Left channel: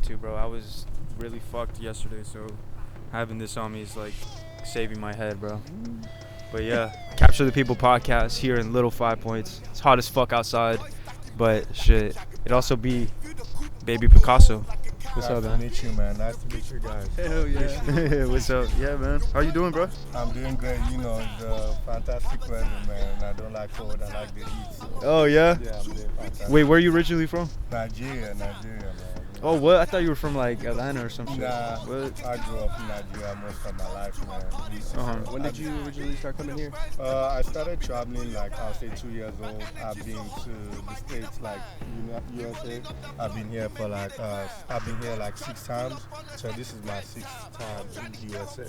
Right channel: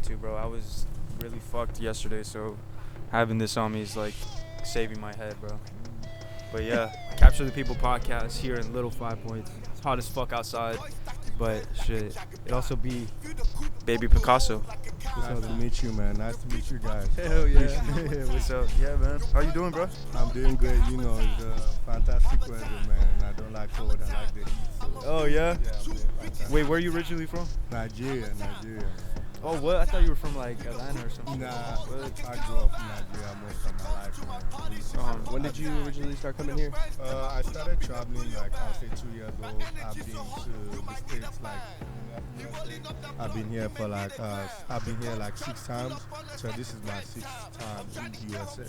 have to, bro. I was really fucked yesterday, so having this on me is like saving my head, bro. But yeah, Capture the People podcast here in Little 5 Points. It's hot as fuck outside, but shit, it also be Babypikaso. What's Nice up, to man? meet you, man. Nice to meet you guys. Hell yeah. What's up? Yeah, man. How you doing, bro? I'm doing great. You know, it's fantastic weather, man. I don't like cold. I like the heat. So, Oh, yeah? yeah, I'm doing fantastic. Wait, where are you originally from? Nigeria, man. Oh, what? I thought you were from like Atlanta or some shit. Nah, What? I grew up in Nigeria most of my life, man. When did you originally start coming here? I started traveling like I'll say 2 years old. I've been to the States like USA. I've been here for like 6 times. So this is my 6th time in USA.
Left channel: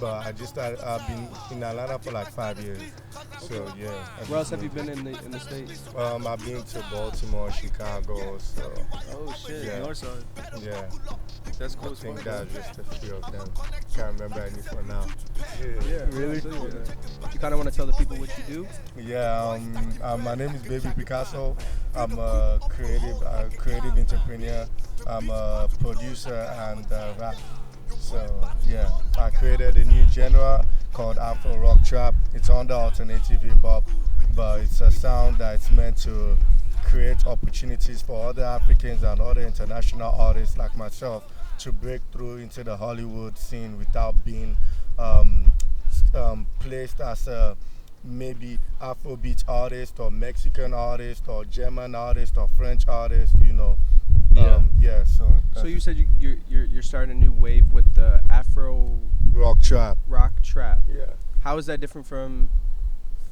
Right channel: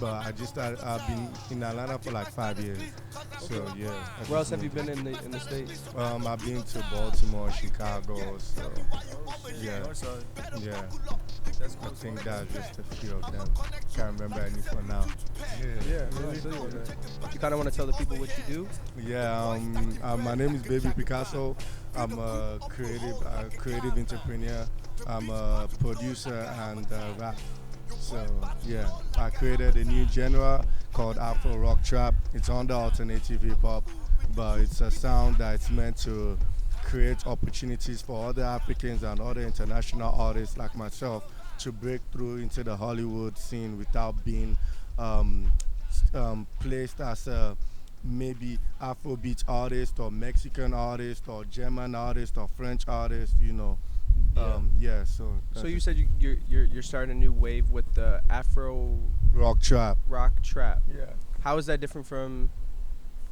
But I've been in Atlanta for like 5 years. So yeah. Where else have you been in the States? I've been to Baltimore, Chicago. So Oh, shit. Yeah. North side. yeah. That's cool. I think that's just a few of them. Can't remember any for now. Yeah, Really? You kind of want to tell the people what you do? Yeah, my name is Babypikaso. I'm a creative entrepreneur. I'm a producer and rap. So yeah, I created a new genre called Afro-Rock-Trap. It's under alternative hip hop, but it's a sound that's meant to create opportunities for other Africans and other international artists like myself to break through into the Hollywood scene without being placed as a maybe Afrobeat artist or Mexican artist or German artist or French artist, you know. Yeah. So you said you're starting a new wave with the Afro-Rock-Trap. Trap. Yeah. How is that different from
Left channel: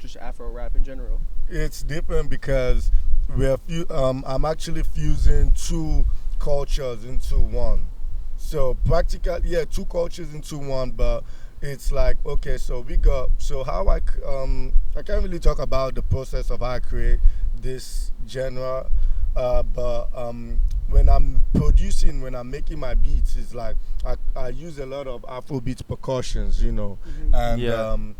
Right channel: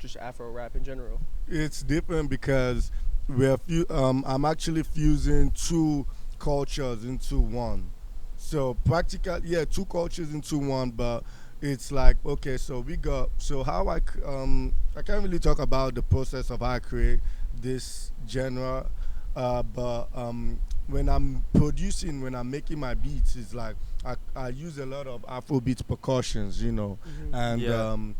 just Afro rap in general? It's different because I'm actually fusing two cultures into one. So practically, yeah, two cultures into one, but it's like, okay, so how I can't really talk about the process of how I create this genre, but when I'm producing, when I'm making my beats, it's like I use a lot of Afrobeat percussions, you know, and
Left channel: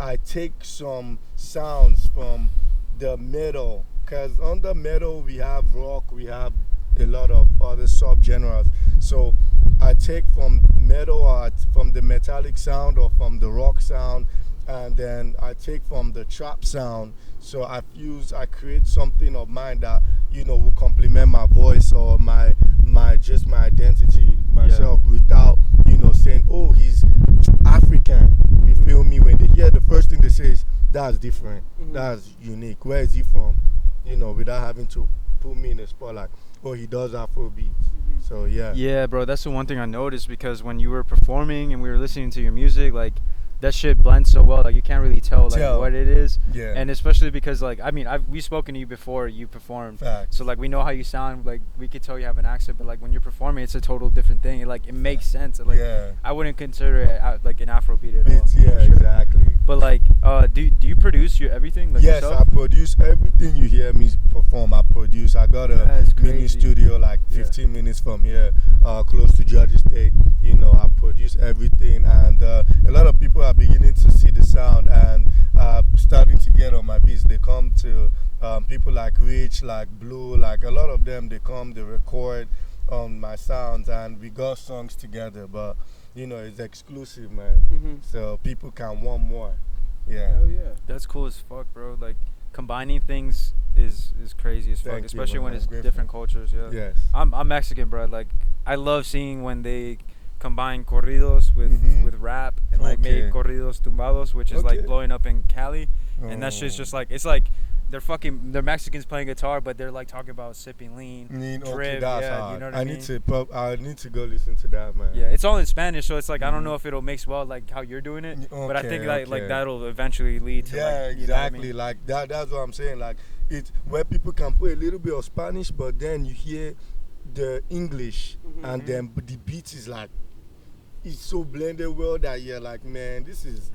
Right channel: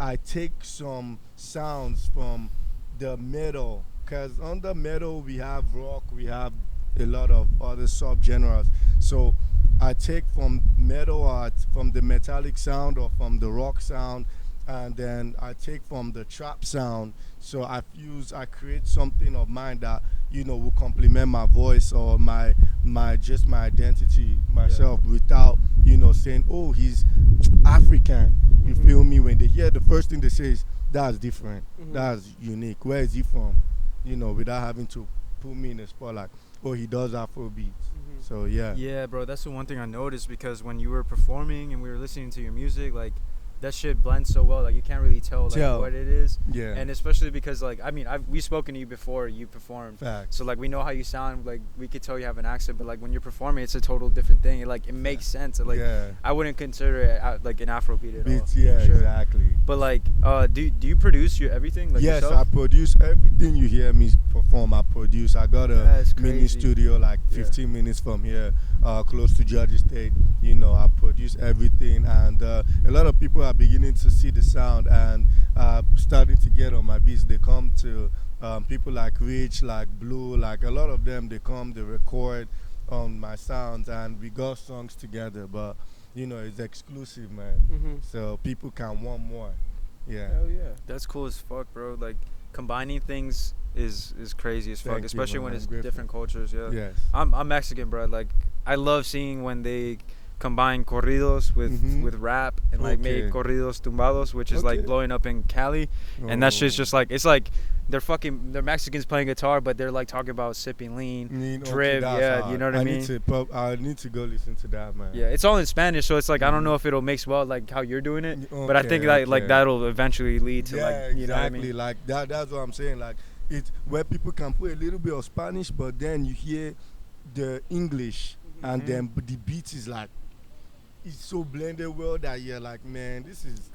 I take some sounds from the metal, because under metal we have rock, we have a lot of other subgenres. So I take from metal art, from the metallic sound or from the rock sound, and then I take from the trap sound. So I create something of mine that, you know, will complement my voice or my identity myself, without, you know, saying, oh, he's African. You feel me? When they hear, the first thing they say is, that's different, that's unique. Where is he from? You know, without having to put me in a spot like, oh, he does Afrobeats. So yeah. Yeah, bro, that's the one thing I noticed, because when you were performing and we were listening to your music, like, that shit blends so well, like, you can't really tell what it is. Yeah. And especially because, like, I mean, we've spoken to you before you performed. Facts. So, like, we know how you sound. Like, we could tell you have an accent, but, like, when you're performing, it's a total different thing. It makes sense. Like, yeah. I wouldn't consider it like an Afrobeat at all. Beats, yeah, for sure. exactly. But, like, do you produce everything? Like, yes, yourself? I produce everything you hear me perform. I produce. I got a That's mini crazy. studio like 15 minutes from here, close to Georgia State. You know, I produce everything, and a lot of people are beginning to see the sound and starting to get on my beats. They come to people like Rich, like Blue, like a lot of them. They come, they record on my sounds, and we got songs together. But you know, it's exclusive, man. So people can want more. Yeah. Hell yeah. That's cool as fuck, bro. Like, combining things is crazy as fuck, Thank you, especially man. when I'm it's grateful. different cultures. Yeah. Yes. I'm Mexican, bro. Like, I love seeing when they combine corridos with rap and like make Okay. corridos tumbados, which is like blowing up in Cali, and that shit's just like, it's like they're Mexicans playing guitar, but they're like talking about sipping lean, drip, That's you know what I I need mean? I need to go listen to that, man. Yeah, it's all in Spanish, so it's like I don't know if it'll mix well like how you're doing it, but I think like that'll eventually lead to like, you exactly. know what I mean? Like that. That's what I'm saying. Like, it's where people can put a little bit of Spanish, but then you hear the English, and then the beat is like, it's so blended well that you're like, man, this is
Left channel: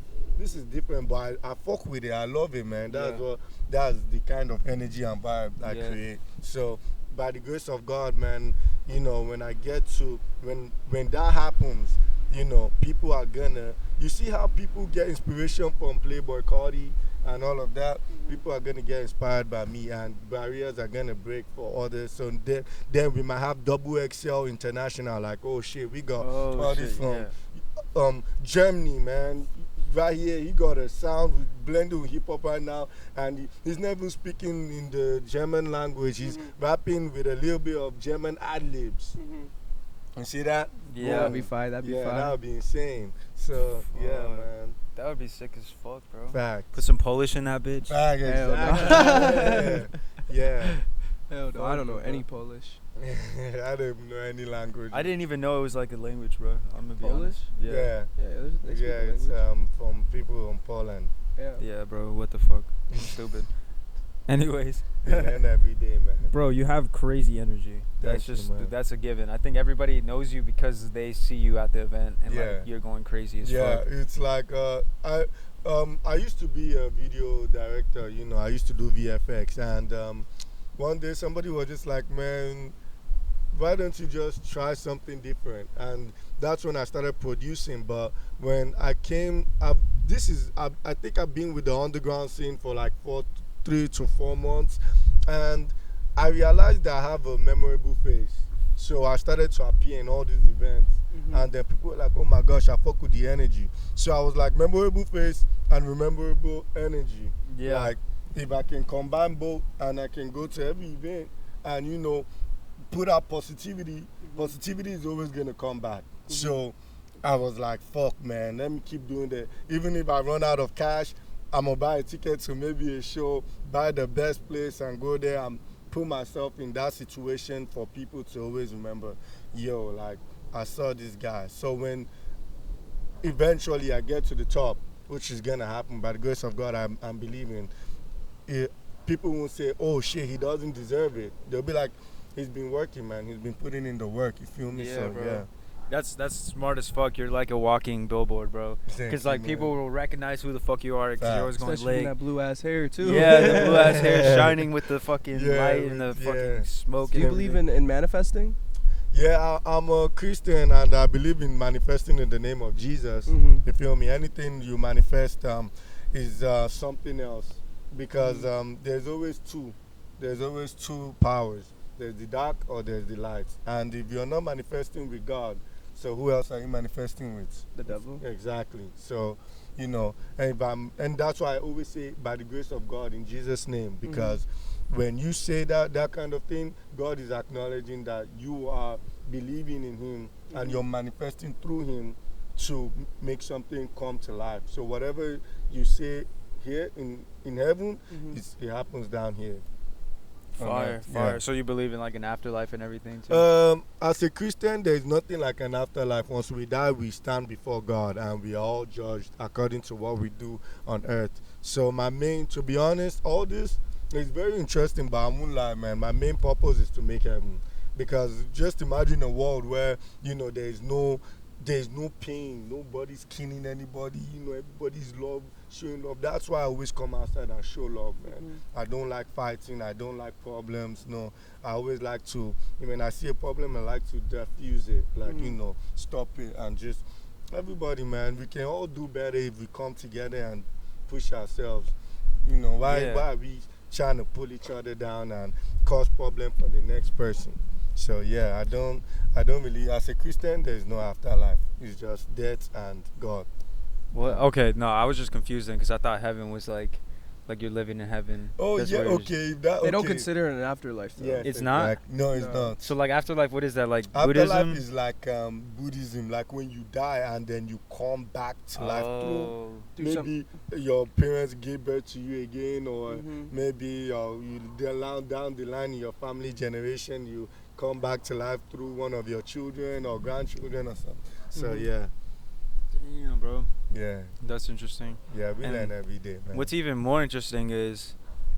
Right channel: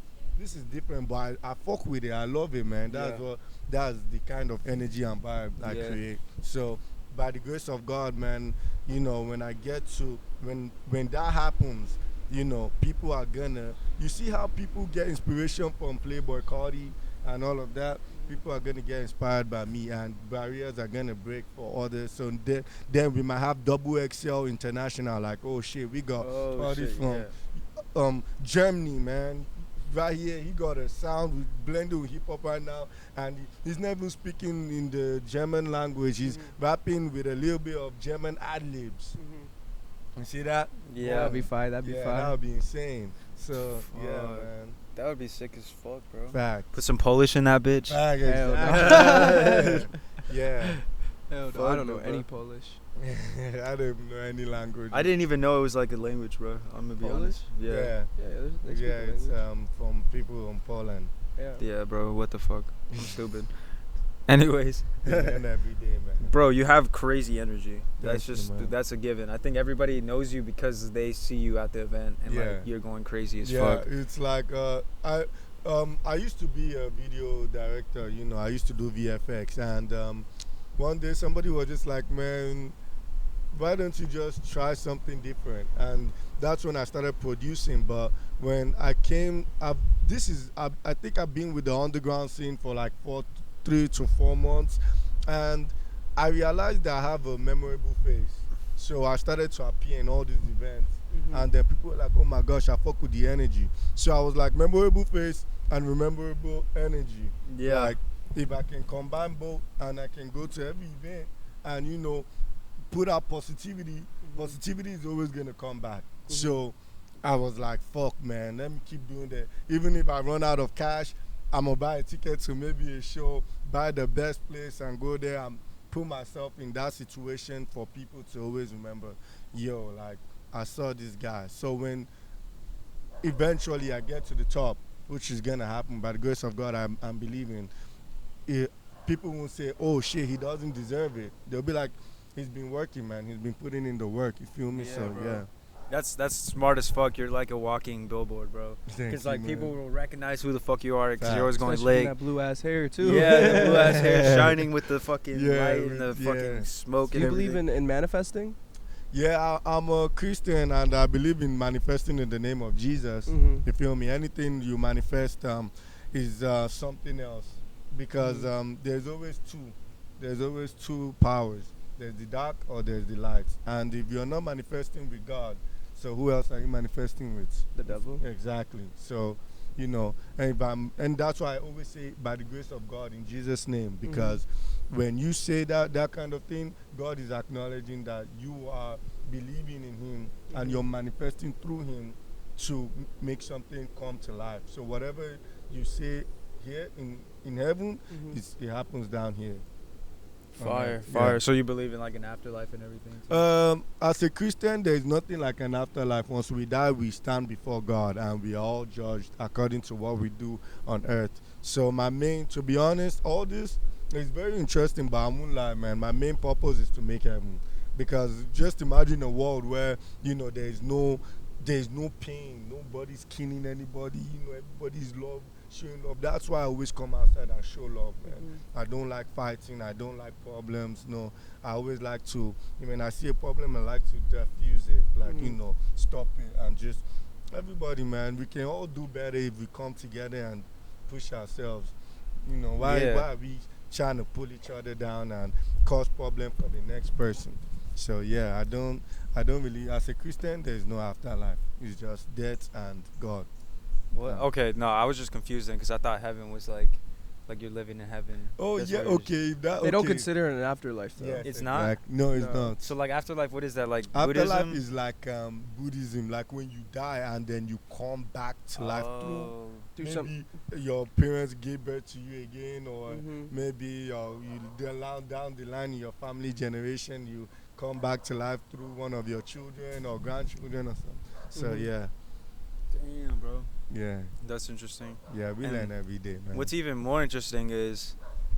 different, but I fuck with it. I love it, man. That's the kind of energy and vibe I create. So by the grace of God, man, you know, when I get to when that happens, you know, people are gonna, you see how people get inspiration from Playboy Cardi and all of that. People are gonna get inspired by me, and barriers are gonna break for others. So then we might have double XL international. Like, oh shit, we got Oh artists shit, from yeah. Germany, man. Right here, he got a sound blended with hip hop right now, and he's never speaking in the German language. He's rapping with a little bit of German ad libs. You see that? Yeah. That'd be fine. That'd be Yeah, fine. that would be insane. So yeah, Fuck. man. That would be sick as fuck, bro. Fact. Put some Polish in that bitch. Fact. Hell no. Exactly. yeah. Hell no, I don't know any Polish. I don't even know any language. I didn't even know it was like a language, bro. I'm gonna be Polish? honest. Yeah. Yeah. Yeah, they speak Yeah, the it's language. from people from Poland. Yeah. Yeah, bro. What the fuck? I'm stupid. Anyways, They learn every day, man. bro, you have crazy energy. That's Thank you, just man. that's a given. I think everybody knows you because they see you at the event and Yeah. like you're going crazy as Yeah, fuck. it's like I used to be a video director. You know, I used to do VFX, and one day somebody was just like, man, why don't you just try something different? And that's when I started producing. But when I came, I think I've been with the underground scene for like 3 to 4 months, and I realized that I have a memorable face. So I started to appear in all these events, and then people were like, "Oh my gosh, I fuck with the energy." So I was like, memorable face and memorable energy. Yeah. Like if I can combine both, and I can go to every event, and put out positivity, positivity is always gonna come back. So I was like, fuck, man, let me keep doing that. Even if I run out of cash, I'm gonna buy a ticket to maybe a show, buy the best place and go there and put myself in that situation for people to always remember, yo, like, I saw this guy. So when eventually I get to the top, which is gonna happen by the grace of God, I'm believing, people won't say, oh shit, he doesn't deserve it. They'll be like, he's been working, man. He's been putting in the work. You feel me? Yeah, So bro. yeah. That's smart as fuck. You're like a walking billboard, bro. Thank Because you, like man. people will recognize who the fuck you are because you're always going Especially late. that blue ass hair too. Yeah, the blue ass hair shining with the fucking Yeah, light and the with- fucking yeah. smoke. Do and you believe everything. in manifesting? Yeah, I'm a Christian, and I believe in manifesting in the name of Jesus. You feel me? Anything you manifest is something else, because there's always two. There's always two powers. There's the dark or there's the light. And if you're not manifesting with God, so who else are you manifesting with? The devil. Exactly. So, and that's why I always say, by the grace of God, in Jesus' name, because when you say that kind of thing, God is acknowledging that you are believing in Him and you're manifesting through Him to make something come to life. So whatever you say here in heaven, it happens down here. Fire. Yeah. So you believe in like an afterlife and everything too? As a Christian, there is nothing like an afterlife. Once we die, we stand before God, and we are all judged according to what we do on earth. So to be honest, all this is very interesting, but I won't lie, man. My main purpose is to make heaven, because just imagine a world where there's no pain, nobody's killing anybody, everybody's showing love. That's why I always come outside and show love, man. I don't like fighting, I don't like problems. No, I always like to, when I see a problem, I like to diffuse it, like stop it, and just everybody, man, we can all do better if we come together and push ourselves. Why are we trying to pull each other down and cause problem for the next person? So yeah, I don't really, as a Christian, there's no afterlife. It's just death and God. Well, okay, no, I was just confused then because I thought heaven was like you're living in heaven. Oh That's yeah, where you're just- okay. That, They don't okay. consider it an afterlife though. Yes, It's not? exact- No, it's No. not. So like afterlife, what is that, like Afterlife Buddhism? is like Buddhism, like when you die and then you come back to life through. Oh. Do some. Maybe your parents gave birth to you again, or Mhm. maybe down the line in your family generation, you come back to life through one of your children or grandchildren or something. So yeah, Damn, bro. yeah, That's interesting. yeah. We And learn every day, man. What's even more interesting is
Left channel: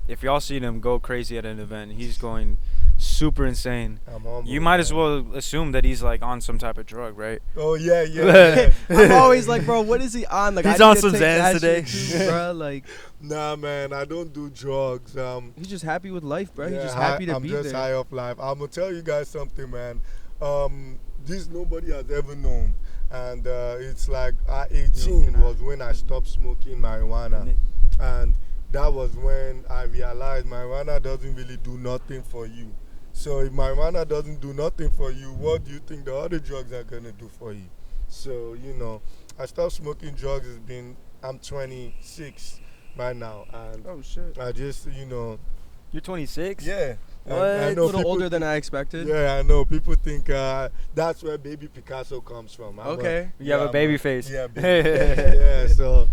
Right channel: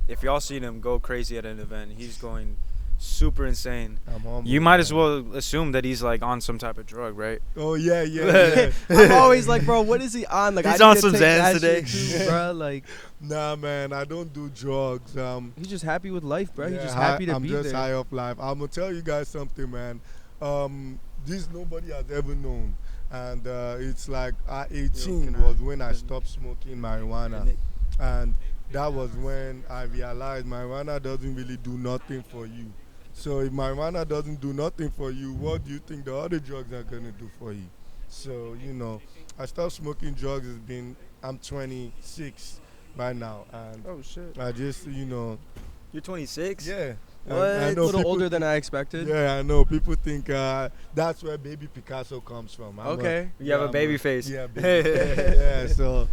if y'all seen him go crazy at an event, he's going super insane. I'm humble, You might as man. well assume that he's like on some type of drug, right? Oh yeah, yeah. I'm always like, bro, what is he on? Like, He's I on need to some take Xans that today. shit too, bro. Like, Nah, man, I don't do drugs. he's just happy with life, bro. He's Yeah, just happy to I'm be just there. high off life. I'm gonna tell you guys something, man. This nobody has ever known, and it's like at 18 was when I stopped smoking marijuana, and that was when I realized marijuana doesn't really do nothing for you. So if marijuana doesn't do nothing for you, what do you think the other drugs are gonna do for you? So I stopped smoking drugs. I'm 26 right now, and Oh shit. I just You're 26? yeah. What? I A know little people older think- than I expected. Yeah, I know. People think that's where Babypikaso comes from. Okay. You have a I'm baby face. Yeah, baby. Yeah. So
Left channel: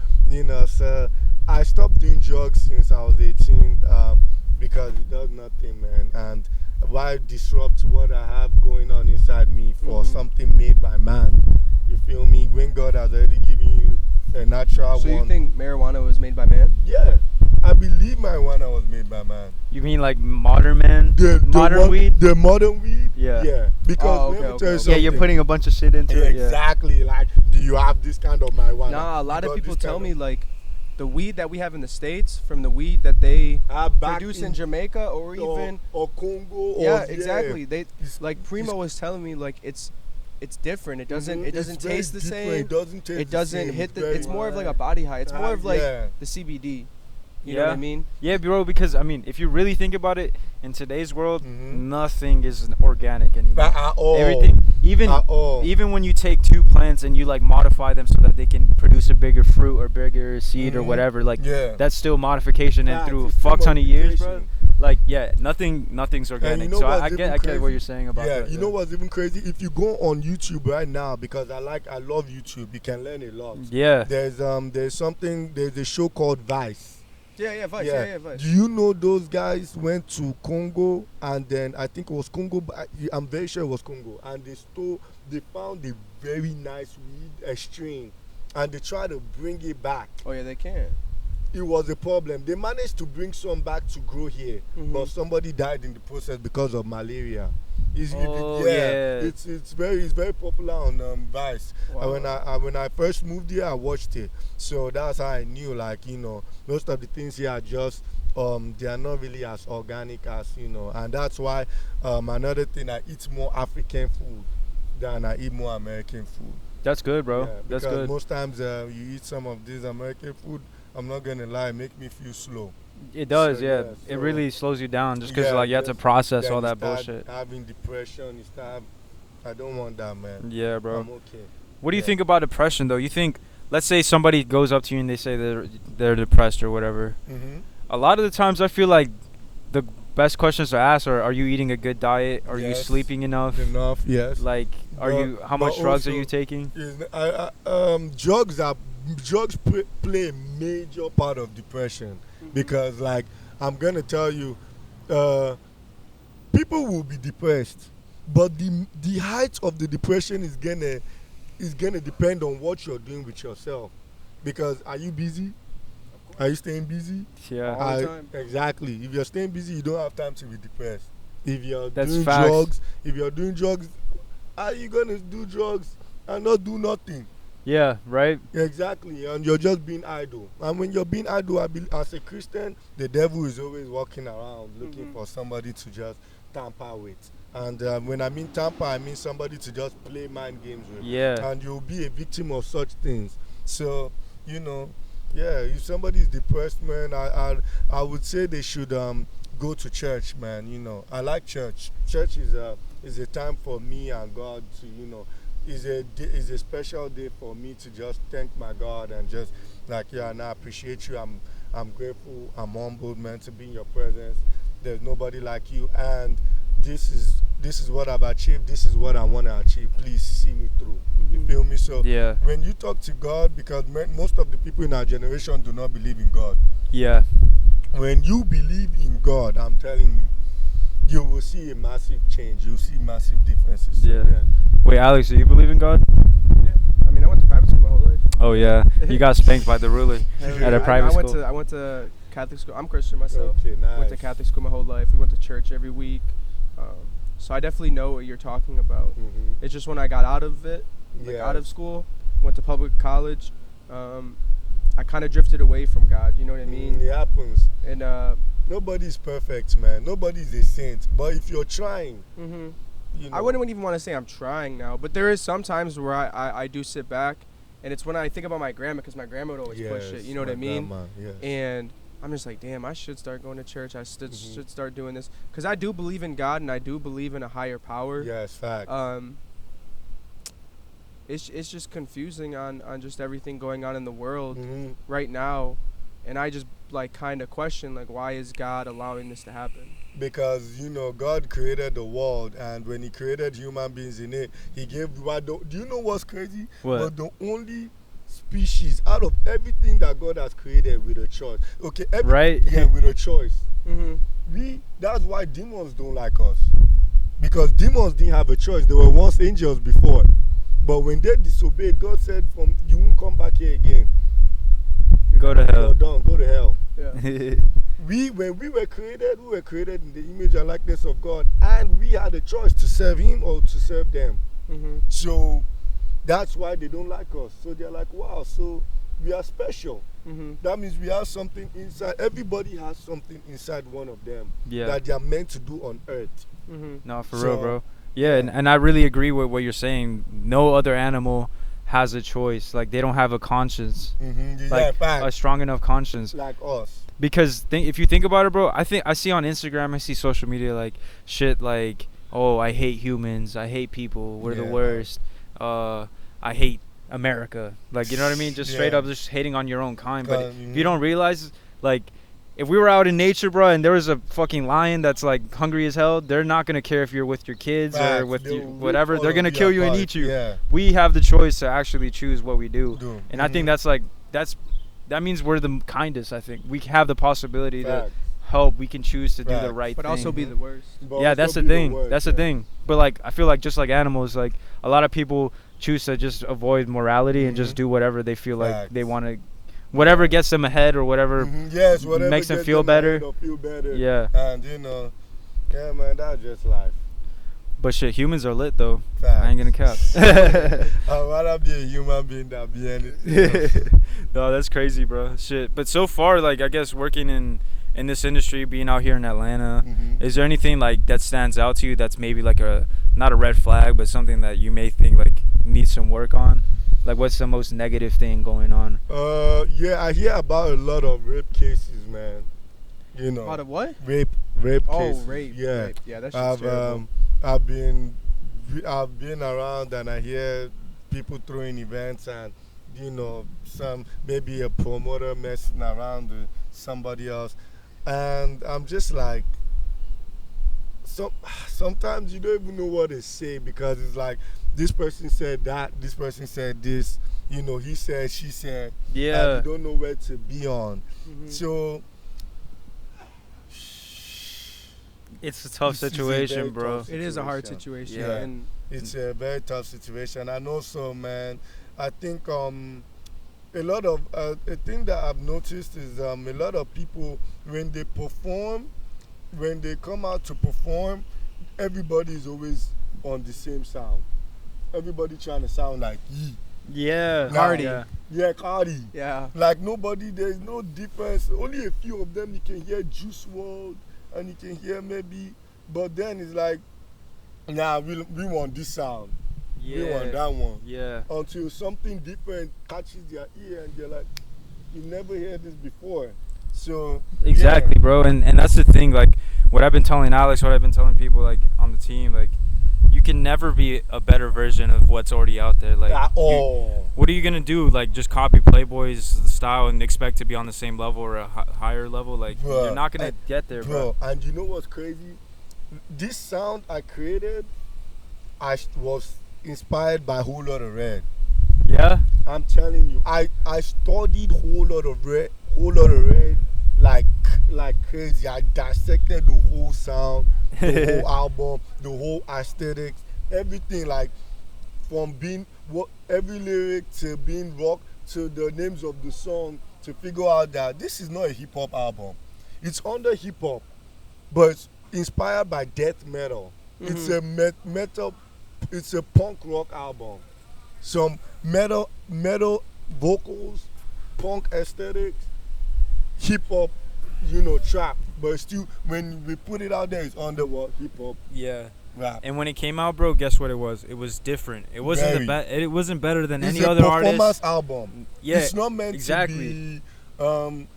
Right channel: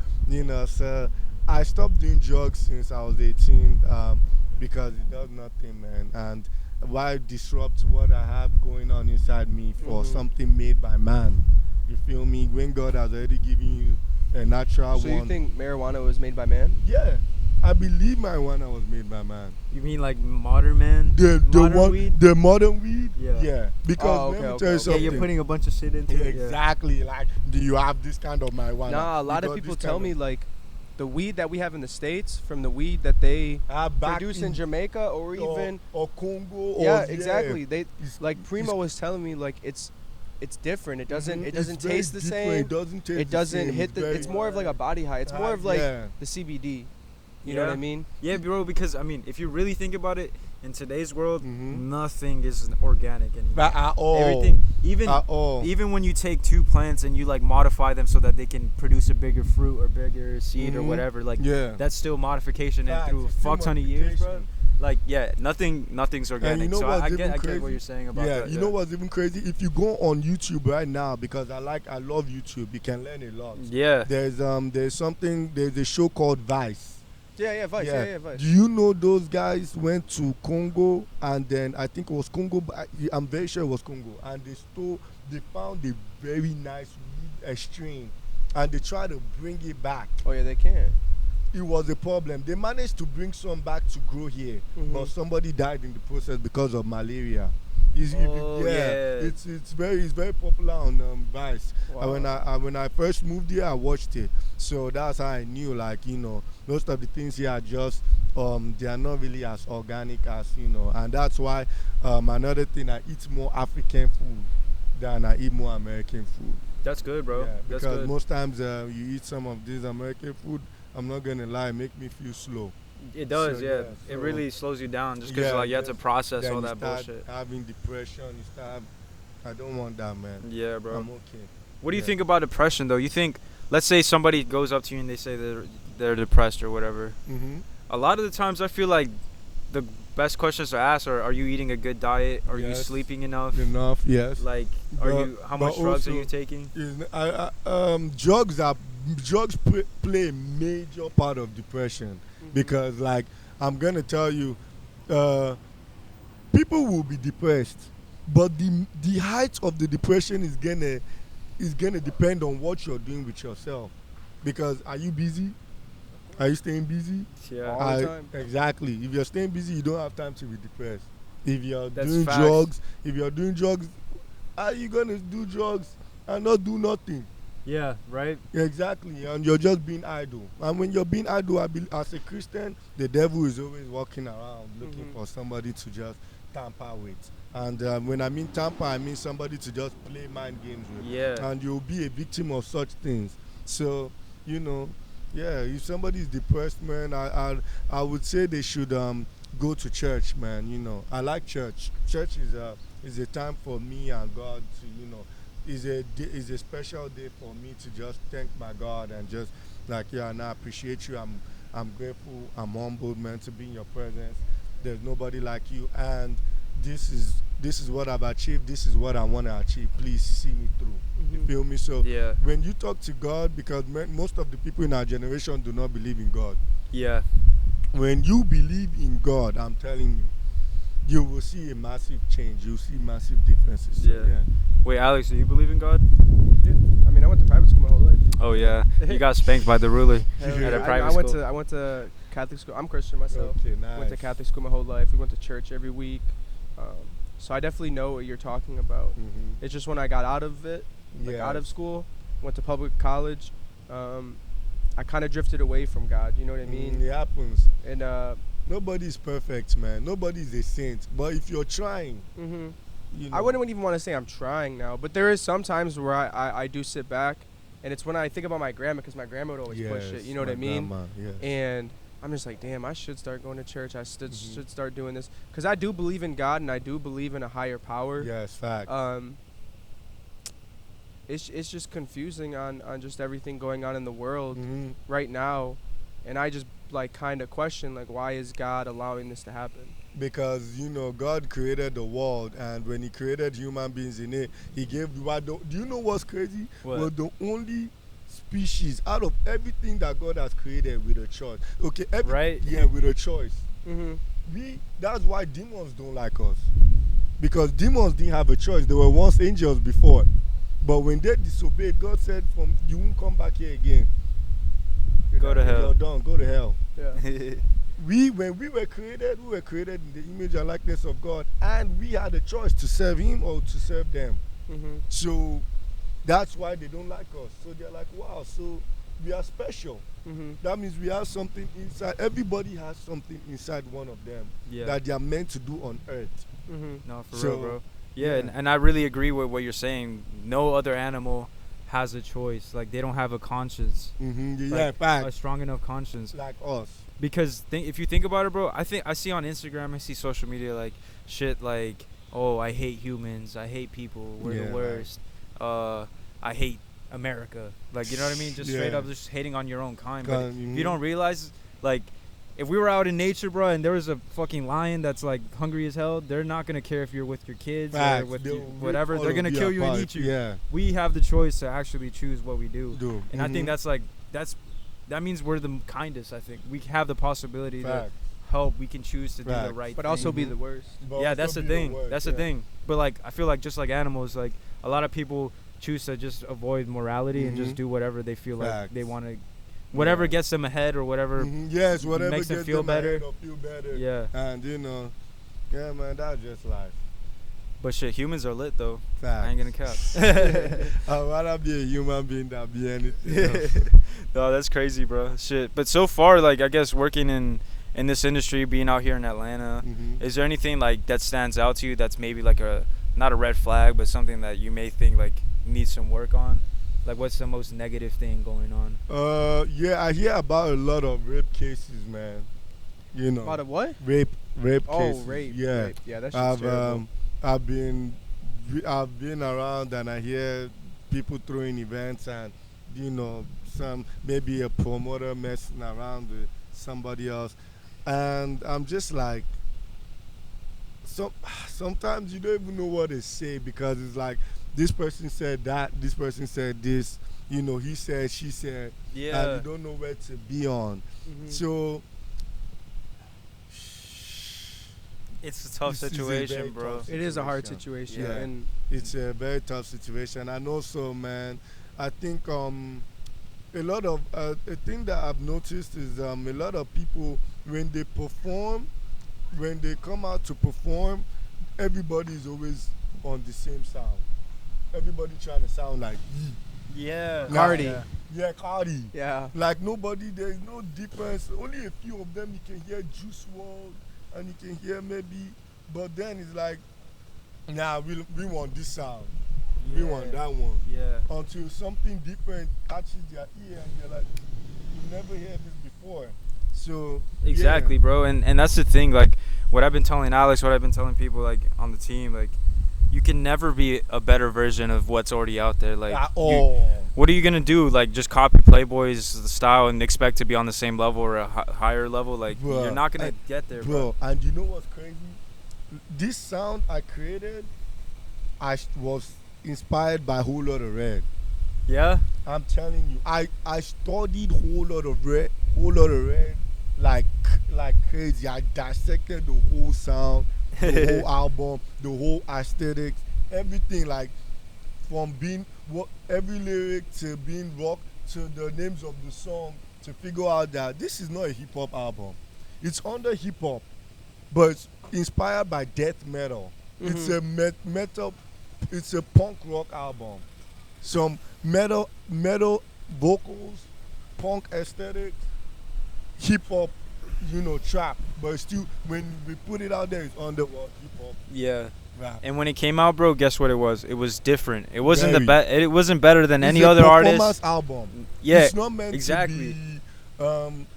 so I stopped doing drugs since I was 18 because it does nothing, man. And why disrupt what I have going on inside me for something made by man? You feel me? When God has already given you a natural So one. you think marijuana was made by man? Yeah, I believe marijuana was made by man. You mean like modern man? The modern one, weed? the modern weed. Yeah. Yeah, because Oh, let me okay, tell you okay. Yeah, something. you're putting a bunch of shit into it. Yeah. Exactly. Like, do you have this kind of marijuana? Nah, a lot You of got people this tell kind me of- like the weed that we have in the States from the weed that they back produce in Jamaica or even or Congo. yeah, or, exactly. They It's- like Primo it's- was telling me like it's different. It doesn't Mhm. it doesn't It's very taste the different. same. It doesn't taste It doesn't the same. hit the. very- It's more of like a body high. It's more of like yeah. the CBD. You know what I Yeah. mean? Yeah, bro, because I mean, if you really think about it, in today's world, Mhm. nothing is organic anymore. But at all. Everything, even At all. even when you take two plants and you like modify them so that they can produce a bigger fruit or bigger seed or Mhm. whatever, like Yeah. that's still modification and Facts, through a it's still fuck ton of years, bro. modification. Like yeah, nothing's organic. you know so what's I even get what crazy? you're saying about Yeah, that. you know what's even crazy? If you go on YouTube right now, because I love YouTube, you can learn a lot. Yeah. There's a show called Vice. Yeah, Vice. Yeah, Vice. Do you know those guys went to Congo and then I think it was Congo, but I'm very sure it was Congo, and they found a very nice weed, a strain, and they tried to bring it back. Oh yeah, they can. It was a problem. They managed to bring some back to grow here, but somebody died in the process because of malaria. It's very popular on Vice. Wow. When I first moved here, I watched it, so that's how I knew. Like most of the things here are just they are not really as organic as and that's why another thing, I eat more African food than I eat more American food. That's good, bro. Yeah, That's because good. most times you eat some of this American food, I'm not gonna lie, make me feel slow. It does, So, yeah. yeah, It so- really slows you down just because Yeah, like you have to just- process Then all you that start bullshit. having depression, I don't want that, man. Yeah, bro. I'm okay. What do you Yeah. think about depression though? You think, let's say somebody goes up to you and they say they're depressed or whatever. Mm-hmm. A lot of the times I feel like the best questions to ask are you eating a good diet? Are you Yes. sleeping enough? Enough, yes. Like how But much drugs are also- you taking? Drugs play a major part of depression because, like, I'm gonna tell you, people will be depressed, but the height of the depression is gonna depend on what you're doing with yourself. Because are you busy? Are you staying busy? Yeah. All the time. Exactly. If you're staying busy, you don't have time to be depressed. If you're That's doing facts. drugs, are you gonna do drugs and not do nothing? Yeah, right? Exactly, and you're just being idle. And when you're being idle, as a Christian, the devil is always walking around looking for somebody to just tamper with. And when I mean tamper, I mean somebody to just play mind games with. Yeah. And you'll be a victim of such things. So, if somebody is depressed, man, I would say they should go to church, man. I like church. Church is a time for me and God to, is a special day for me to just thank my God and just like, and I appreciate you. I'm grateful. I'm humbled, man, to be in your presence. There's nobody like you, and this is what I've achieved. This is what I want to achieve. Please see me through. You feel me? So Yeah. when you talk to God, because most of the people in our generation do not believe in God. Yeah. When you believe in God, I'm telling you will see a massive change. You'll see massive differences. So, Yeah. Wait, Alex, do you believe in God? Yeah. I mean, I went to private school my whole life. Oh yeah. You got spanked by the ruler Hell at yeah. a private I went school. to I went to Catholic school. I'm Christian myself. Okay, nice. Went to Catholic school my whole life. We went to church every week. So I definitely know what you're talking about. Mhm. It's just when I got out of it, like Yeah. out of school, went to public college, I kind of drifted away from God. You know what I mean? It happens. And Nobody's perfect, man. Nobody's a saint. But if you're trying, I wouldn't even want to say I'm trying now, but there is some times where I do sit back, and it's when I think about my grandma, because my grandma would always push it. You know what I mean? Grandma, yes. And I'm just like, damn, I should start going to church. I should start doing this because I do believe in God and I do believe in a higher power. Yes, fact. It's just confusing on just everything going on in the world Mm-hmm. right now, and I just like kind of question like, why is God allowing this to happen? Because God created the world, and when He created human beings in it, He gave. Do you know what's crazy? What? We're the only species out of everything that God has created with a choice. Okay, Right? Yeah, with a choice. Mm-hmm. That's why demons don't like us, because demons didn't have a choice. They were once angels before, but when they disobeyed, God said, "From you won't come back here again. Go to hell." You're done. Go to hell." Yeah. When we were created in the image and likeness of God, and we had a choice to serve Him or to serve them. Mm-hmm. So that's why they don't like us. So they're like, wow, so we are special. Mm-hmm. That means we have something inside. Everybody has something inside one of them Yeah. that they are meant to do on earth. Mm-hmm. No, for So, real, bro. Yeah, and I really agree with what you're saying. No other animal has a choice. Like, they don't have a conscience. Mm-hmm. Like, Yeah, fact. a strong enough conscience. Like us. Because if you think about it, bro, I see on Instagram, I see social media like shit like, oh, I hate humans, I hate people, we're the Yeah. worst, I hate America, like, you know what I mean? Just straight Yeah. up just hating on your own kind. But if Mhm. you don't realize, like, if we were out in nature, bro, and there was a fucking lion that's like hungry as hell, they're not gonna care if you're with your kids Facts. or with They'll you, whatever. rip They're all gonna of kill you you and apart. eat you. Yeah. We have the choice to actually choose what we do. And I think Mhm. that means we're the kindest. I think we have the possibility to Fact. help. We can choose to do the Facts. right But thing. also be Mhm. the worst. But Yeah, also that's the be thing. worst, That's yeah. the thing. But like, I feel like just like animals, like a lot of people choose to just avoid morality and just Mhm. do whatever they feel like Facts. they want to, whatever Yeah. gets them ahead or whatever. Mhm. Yes, whatever makes them gets feel ahead better. or feel better. Yeah. And yeah, man, that's just life. But shit, humans are lit though. Facts. I ain't gonna cap. I'd rather be a human being than be anything else. No, that's crazy, bro. Shit. But so far, like, I guess working in this industry, being out here in Atlanta, Mhm. is there anything like that stands out to you that's maybe like not a red flag, but something that you may think like needs some work on? Like, what's the most negative thing going on? Yeah, I hear about a lot of rape cases, man. Out of what? Rape Oh, cases. rape. Yeah. Rape. Yeah, that's just terrible. I've been around and I hear people throwing events and some maybe a promoter messing around with somebody else, and I'm just like, sometimes you don't even know what to say, because it's like this person said that, this person said this, he said, she said, Yeah. and you don't know where to be on. Mhm. So It's a tough This is a situation, very bro. tough It is a hard situation. situation. Yeah. And it's a very tough situation. And also, man, I think a lot of a thing that I've noticed is a lot of people, when they come out to perform, everybody is always on the same sound. Everybody trying to sound like Yee. Yeah. Cardi. Yeah, Cardi. yeah. Like nobody, there's no difference. Only a few of them you can hear Juice WRLD, and you can hear maybe, but then it's like, nah, we want this sound. Yeah. We want that one. Yeah. Until something different catches their ear and they're like, you never heard this before. So Exactly, yeah. bro. And that's the thing. Like, what I've been telling Alex, what I've been telling people like on the team, like, you can never be a better version of what's already out there. Like, At all. what are you gonna do? Like, just copy Playboy's style and expect to be on the same level or a higher level? Like, Bruh, you're not gonna get there, bro. And you know what's crazy? This sound I created, was inspired by Whole Lot of Red. Yeah. I'm telling you, I studied Whole Lot of Red, like crazy. I dissected the whole sound, the whole album, the whole aesthetics, everything, like from being every lyric to being rock to the names of the song, to figure out that this is not a hip hop album. It's under hip hop, but it's inspired by death metal. It's a metal. It's a punk rock album. Some metal vocals, punk aesthetics, hip hop, trap. But still, when we put it out there, it's under what? Hip hop, Yeah. rap. And when it came out, bro, guess what it was? It was different. It wasn't It wasn't better than It's any a other performance artist. album. Yeah. It's not meant exactly. to be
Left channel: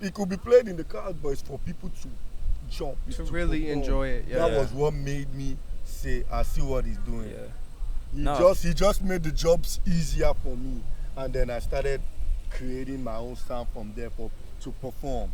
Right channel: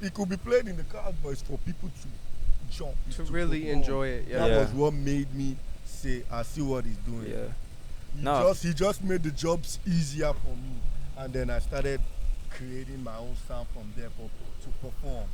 it could be played in the crowd, but it's for people to jump. To really perform. enjoy it. Yeah. That Yeah. was what made me say, I see what he's doing. Yeah. He just made the jobs easier for me, and then I started creating my own sound from there to perform.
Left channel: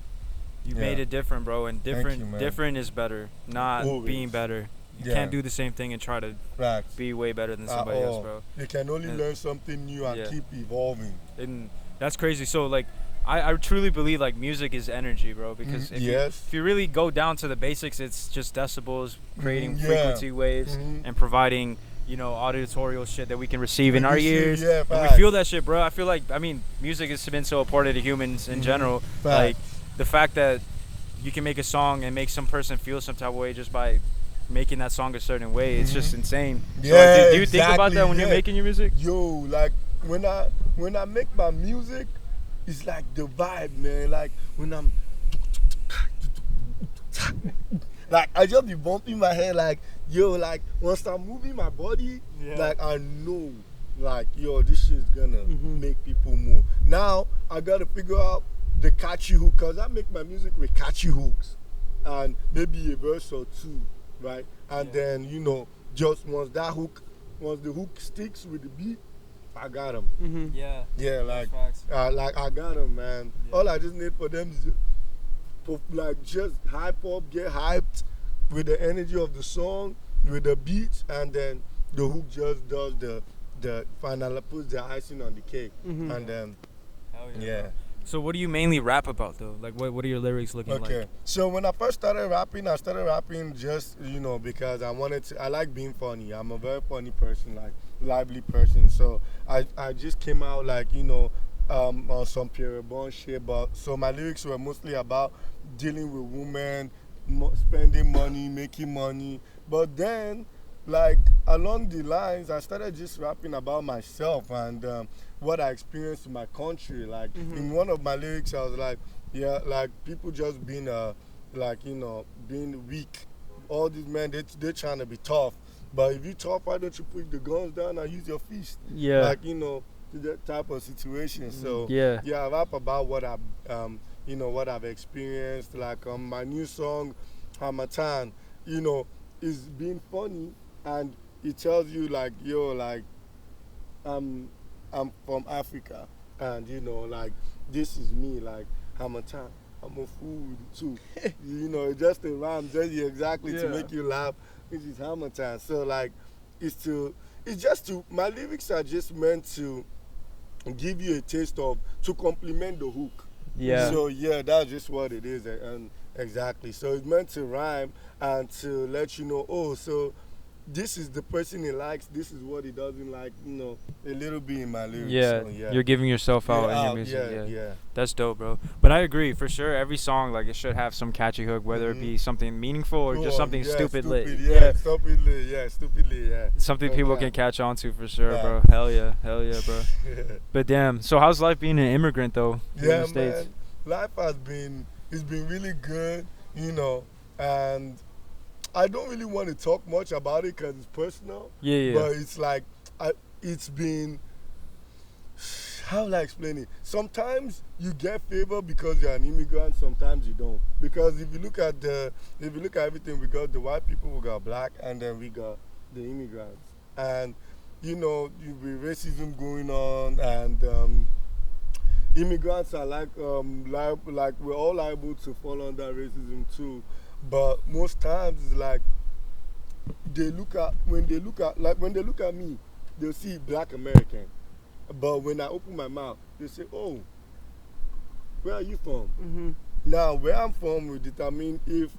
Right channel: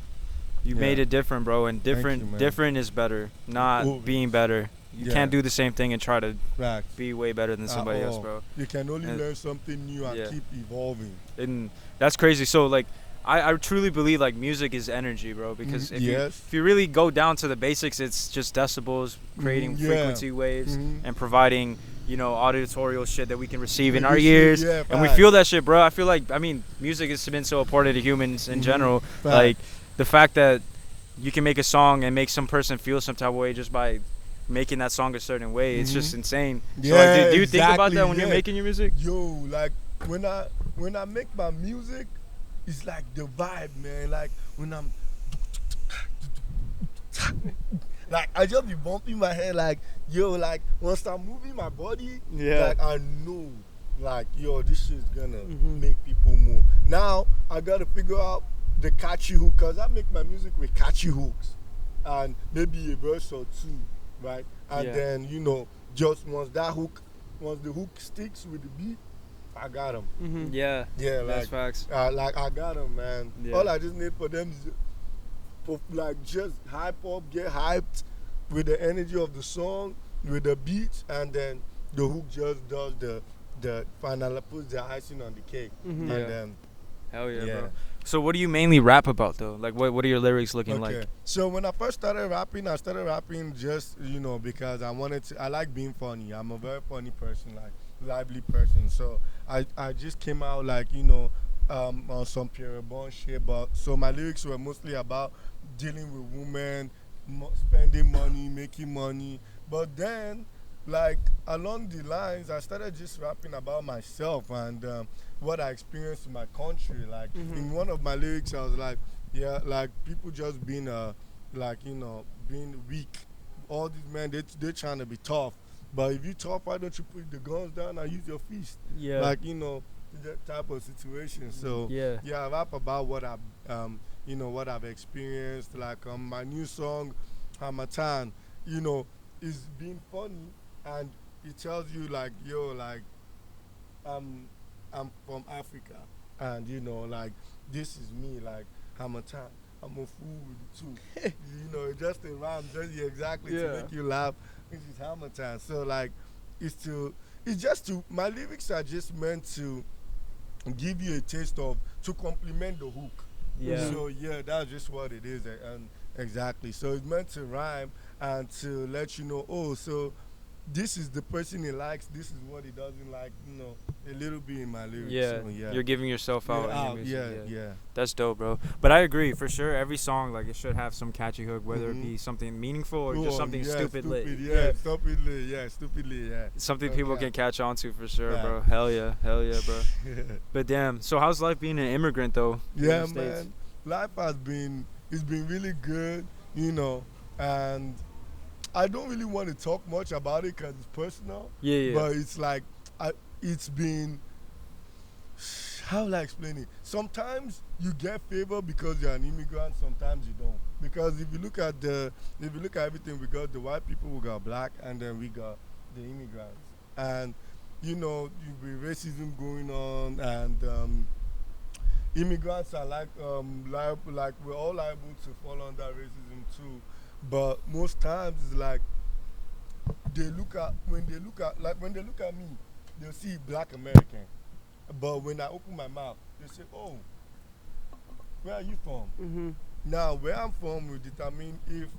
You Yeah. made it different, bro, and you, different man. different is better, not Always. being better. You Yeah. can't do the same thing and try to Right. be way better than somebody else, all. bro. You can only And- learn something new and yeah. keep evolving. And that's crazy. So like I truly believe like music is energy, bro, because Yes. if you really go down to the basics, it's just decibels, creating Yeah. frequency waves Mhm. and providing, you know, auditorial shit that we can receive in our Receive, ears. yeah, And we facts. feel that shit, bro. I feel like, I mean, music has been so important to humans in Mhm. general. Facts. Like the fact that you can make a song and make some person feel some type of way just by making that song a certain way. It's just insane. So, Yeah, like, do you think about exactly, that when you're yeah. making your music? Yo, like when I make my music, it's like the vibe, man. Like when I'm like I just be bumping my head like, yo, like once I'm moving my body, Yeah. like I know like, yo, this shit's gonna Mhm. make people move. Now I gotta figure out the catchy hook, cause I make my music with catchy hooks and maybe a verse or two, right? And Yeah. then, you know, just once the hook sticks with the beat, I got them. Mm-hmm. Yeah. Yeah, That's like, facts. like I got them, man. Yeah. All I just need for them is like just hype up, get hyped with the energy of the song, with the beats, and then the hook just does the final, puts the icing on the cake, Mhm. and Yeah. then Hell yeah, yeah. bro. So what do you mainly rap about though? Like what are your lyrics looking Okay. like? So when I first started rapping, I started rapping just, you know, because I like being funny. I'm a very funny person, like lively person. So I just came out like, you know, on some Pierre Bon shit. But so my lyrics were mostly about dealing with women, spending money, making money. But then, like along the lines, I started just rapping about myself and what I experienced in my country. Like in one of my lyrics, I was like, yeah, like people just being like, you know, being weak. All these men, they're trying to be tough. But if you tough, why don't you put the guns down and use your fist? Yeah. Like, you know, that type of situation. So Yeah. I rap about what you know, what I've experienced. Like my new song, Hamatan, you know, is being funny and it tells you like, yo, like I'm from Africa and you know, like this is me, like Hamatan. I'm a fool with it too. You know, it just a rhyme, just exactly to Yeah. make you laugh. This is Hamatan. So like my lyrics are just meant to give you a taste of, to complement the hook. Yeah. So yeah, that's just what it is, and exactly. So it's meant to rhyme and to let you know, oh, so this is the person he likes, this is what he doesn't like, you know, a little bit in my lyrics. Yeah. So, yeah. You're giving yourself out in your out, music. yeah. That's dope, bro. But I agree for sure. Every song like it should have some catchy hook, whether it Mhm. be something meaningful or Go just on, something yeah, stupid lit. Stupidly, yeah. Something people can catch on to for sure, Yeah. bro. Hell yeah, bro. But damn, so how's life being an immigrant though? in Yeah, the States? man. Life it's been really good, you know, and I don't really want to talk much about it because it's personal. Yeah. But it's like, it's been, how will I explain it? Sometimes you get favor because you're an immigrant. Sometimes you don't. Because if you look at everything, we got the white people, we got black, and then we got the immigrants. And you know, with racism going on, and immigrants are like we're all liable to fall under racism too. But most times it's like when they look at me, they'll see black American. But when I open my mouth, they say, oh, where are you from? Mm-hmm. Now, where I'm from will determine if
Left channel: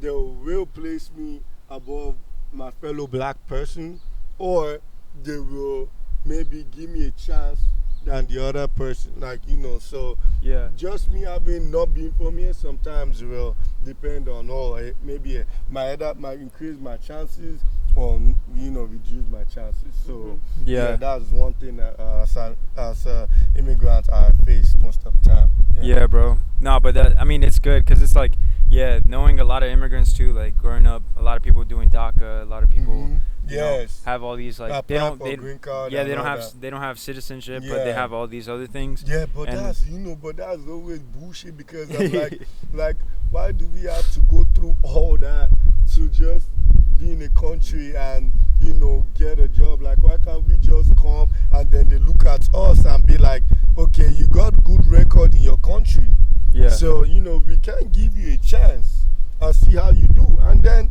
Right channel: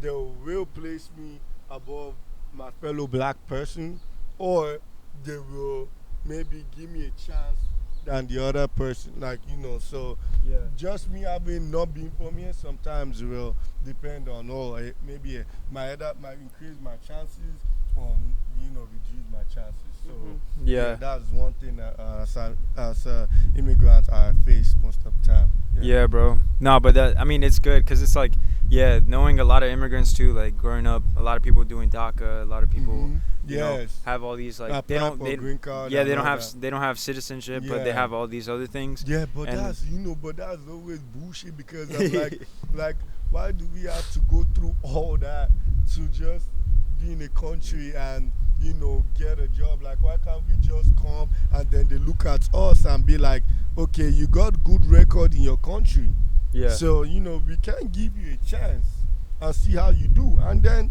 they will place me above my fellow black person, or they will maybe give me a chance than the other person. Like, you know, so Yeah. just me having not been from here sometimes will depend on, maybe might increase my chances or, you know, reduce my chances. So Yeah. that's one thing that as immigrants I face most of the time. Yeah, bro. No, but that, I mean, it's good because it's like Yeah, knowing a lot of immigrants too, like growing up, a lot of people doing DACA, a lot of people, you know, Yes. have all these like Apply for green card yeah, and they don't all have that. they don't have citizenship, but they Yeah. have all these other things. Yeah, but And- that's always bullshit because I'm like, why do we have to go through all that to just be in a country and, get a job? Like, why can't we just come and then they look at us and be like, okay, you got good record in your country. Yeah. So, we can give you a chance and see how you do. And then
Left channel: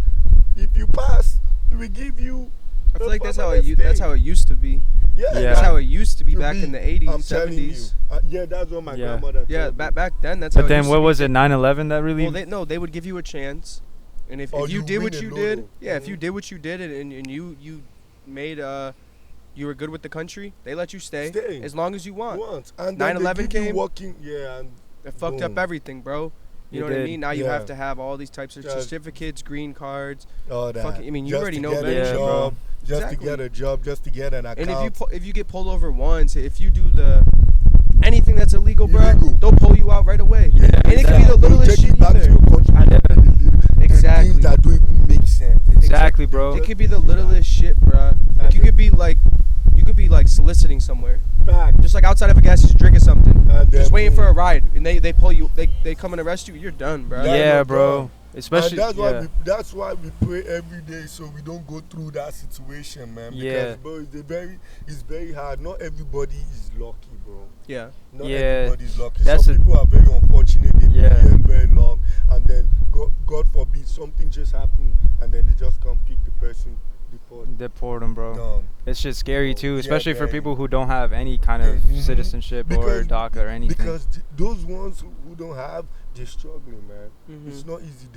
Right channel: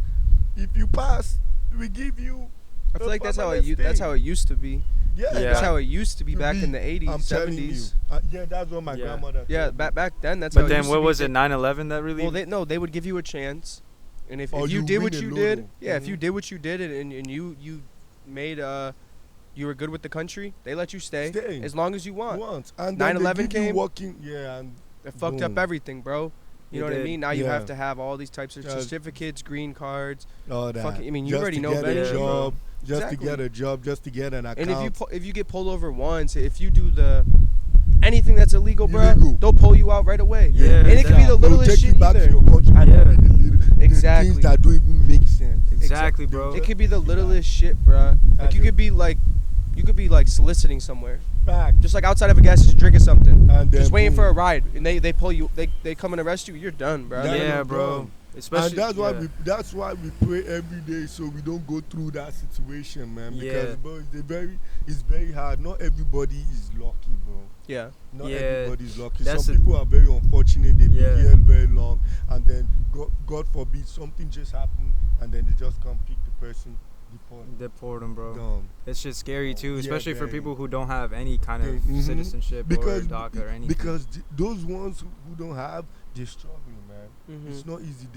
if you pass, we give you I feel a like that's permanent that's stay. how it used to be. Yeah, Yeah. That's how it used to be to back be. in the 80s, I'm telling you. 70s. Yeah, that's what my Yeah. grandmother Yeah, told me. back then that's how But it then used what to be. was it? 9/11 that really? Well, they would give you a chance, and if Or you you did win what a you lotto. did, yeah, if you Mhm. did what you did and you made you were good with the country, they let you stay, Stay. as long as you want. Once. And then 9/11 they give you came. working, and It fucked up boom. everything, bro. You It know what I did. mean? Now you Yeah. have to have all these types of Just- certificates, green cards. all that. Fucking- I mean, you Just already to know get Benji. a Yeah, bro. job, just Exactly. to get a job, just to get an account. And if you get pulled over once, if you do anything that's illegal, bro, Illegal. they'll pull you out right away. Yeah, and it could be exactly. the they'll littlest take shit you back either. to your country and Yeah. give you the Exactly. things that don't even make sense. Exactly, bro. It could be the littlest shit, bruh. Like you could be like soliciting somewhere, Back. just like outside of a gas station drinking something, And then just waiting for boom. a ride, and they pull you, they come and arrest you. You're done, bruh. Yeah. Yeah, no bro. done. Especially And yeah. that's why we pray every day so we don't go through that situation, man. Because Yeah. bro, it's very hard. Not everybody is lucky, bro. Yeah. Not Yeah. everybody's lucky. That's Some people are very unfortunate. They've Yeah. been here very long, and then God forbid something just happened, and then they just come pick the person, deport them, bro. done. It's just scary too, Yeah, especially for very. people who don't have any kind of Mhm. citizenship or DACA or anything. Because those ones who don't have, they're struggling, man. Mhm. It's not easy.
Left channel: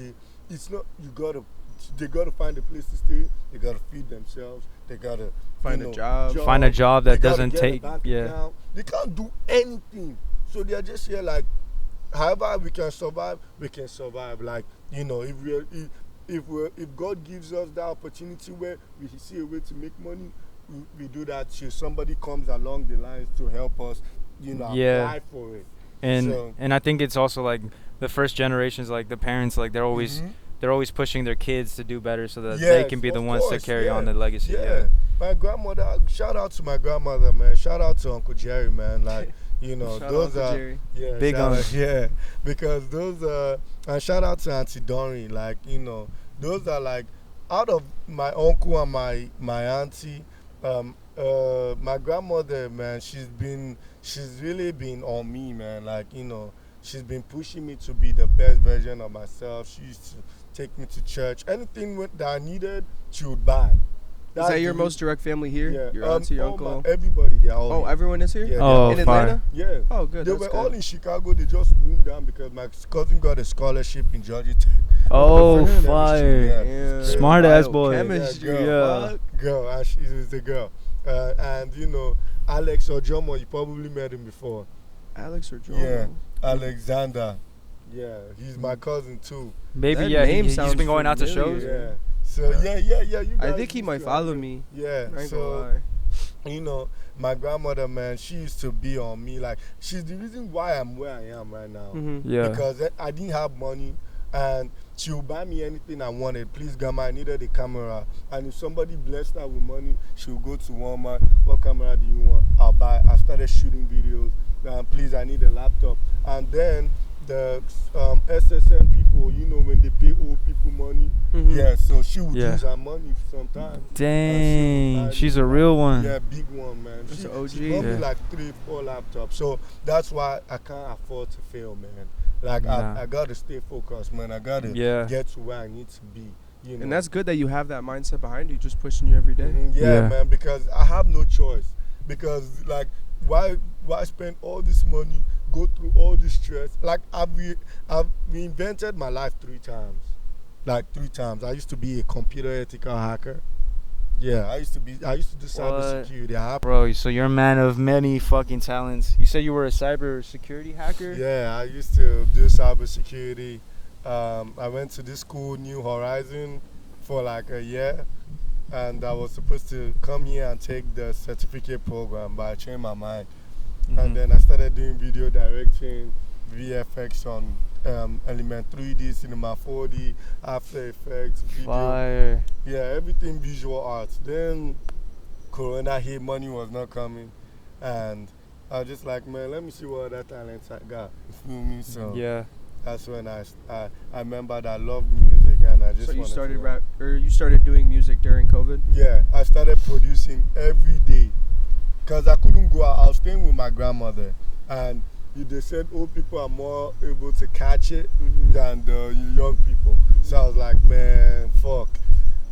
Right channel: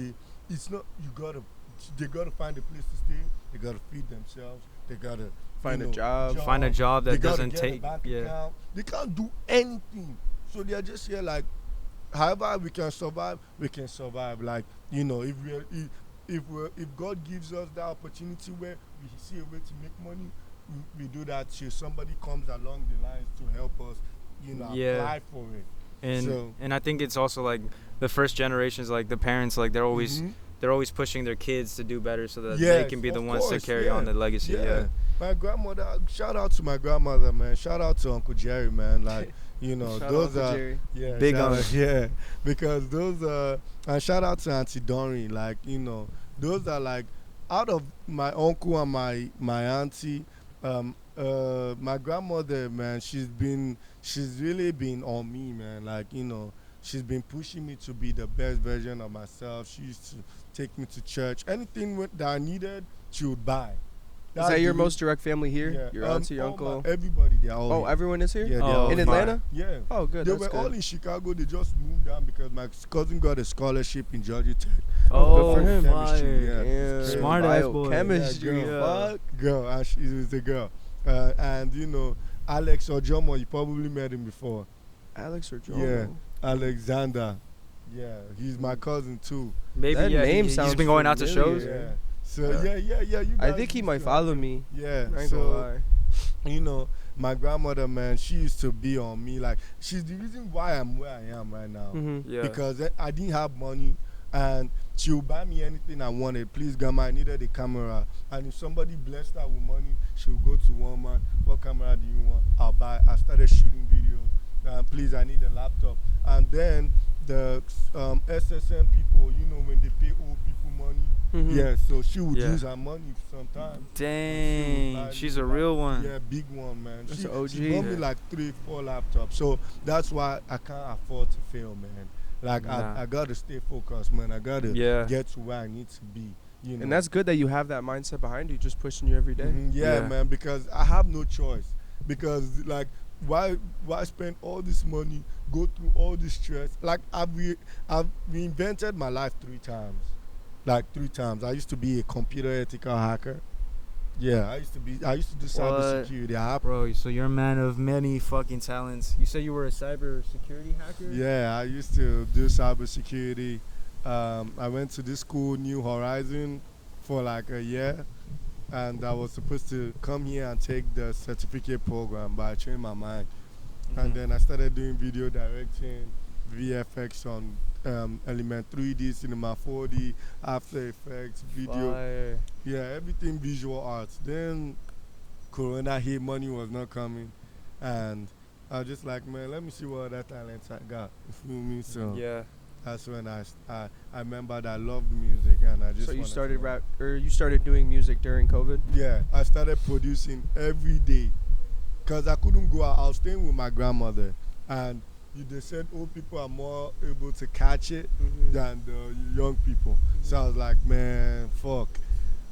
They gotta find a place to stay. They gotta feed themselves. They gotta Find a job. Find a job that They gotta doesn't get a take bank yeah. account. They can't do anything. So they're just here like, however we can survive, we can survive. Like, if God gives us that opportunity where we see a way to make money, we do that shit. Somebody comes along the lines to help us, Yeah. apply for it. And So- and I think it's also like the first generations, like the parents, like they're always pushing their kids to do better so that they Yes, can be the of ones course, to carry yeah. on the legacy. Yeah. My grandmother, shout out to my grandmother, man. Shout out to Uncle Jerry, man. Like, Shout out those to are Jerry. yeah, Big shout on out- yeah, because those and shout out to Auntie Doreen, like, those are like out of my uncle and my auntie, my grandmother, man, she's really been on me, man. Like, she's been pushing me to be the best version of myself. She used to take me to church. Anything that I needed, she would buy. Is that your most direct family here? Yeah. Your auntie, your all uncle? everybody, they're all Oh, here. everyone is here? Yeah, Oh, in fire. Atlanta? Yeah. Oh, good. They That's were all good. in Chicago. They just moved down because my cousin got a scholarship in Georgia Tech. Oh, Good for him. fire. Yeah. Yeah. Smart ass boy. Biochemistry, Yeah, girl. fuck. Girl, and she was a girl. And Alex Ojomo, you probably met him before. Alex or Joe? Yeah. Alexander. Yeah, he's my cousin too. Maybe That yeah. name He's sounds been going out to familiar. shows. Yeah. So yeah. You I guys think he used might to follow have- me. Yeah. I ain't gonna So lie. my grandmother, man, she used to be on me. Like, she's the reason why I'm where I am right now. Mm-hmm. Yeah. Because I didn't have money, and she would buy me anything I wanted. Please, grandma, I needed a camera. And if somebody blessed her with money, she would go to Walmart. What camera do you want? I'll buy. I started shooting videos. Please, I need a laptop. And then the SSN people, when they pay old people money, Mhm. yeah, so she would Yeah. use her money sometimes. Dang, she's a real one. Yeah, big one, man. That's She a OG. bought me Yeah. like 3-4 laptops. So that's why I can't afford to fail, man. Like, Nah. I gotta stay focused, man. I gotta Yeah. get to where I need to be. And that's good that you have that mindset behind you, just pushing you every day. Yeah, Yeah. man, because I have no choice. Because, like, why spend all this money, go through all this stress? Like, I've reinvented my life 3 times. Like, 3 times. I used to be a computer ethical hacker. Yeah, I used to do cybersecurity. Bro, so you're a man of many fucking talents. You said you were a cyber security hacker? Yeah, I used to do cybersecurity. I went to this school, New Horizon, for like a year, and I was supposed to come here and take the certificate program, but I changed my mind. Mhm. And then I started doing video directing, VFX on Element 3D, Cinema 4D, After Effects, video. Fire. Yeah, everything visual arts. Then Corona hit, money was not coming, and I was just like, man, let me see what other talents I got. You feel me? So Yeah. that's when I remembered I loved music, and I just So you wanted started to rap, or you started doing music during COVID? Yeah, I started producing every day, cause I couldn't go out. I was staying with my grandmother, and they said old people are more able to catch it than the young people. So I was like, man, fuck,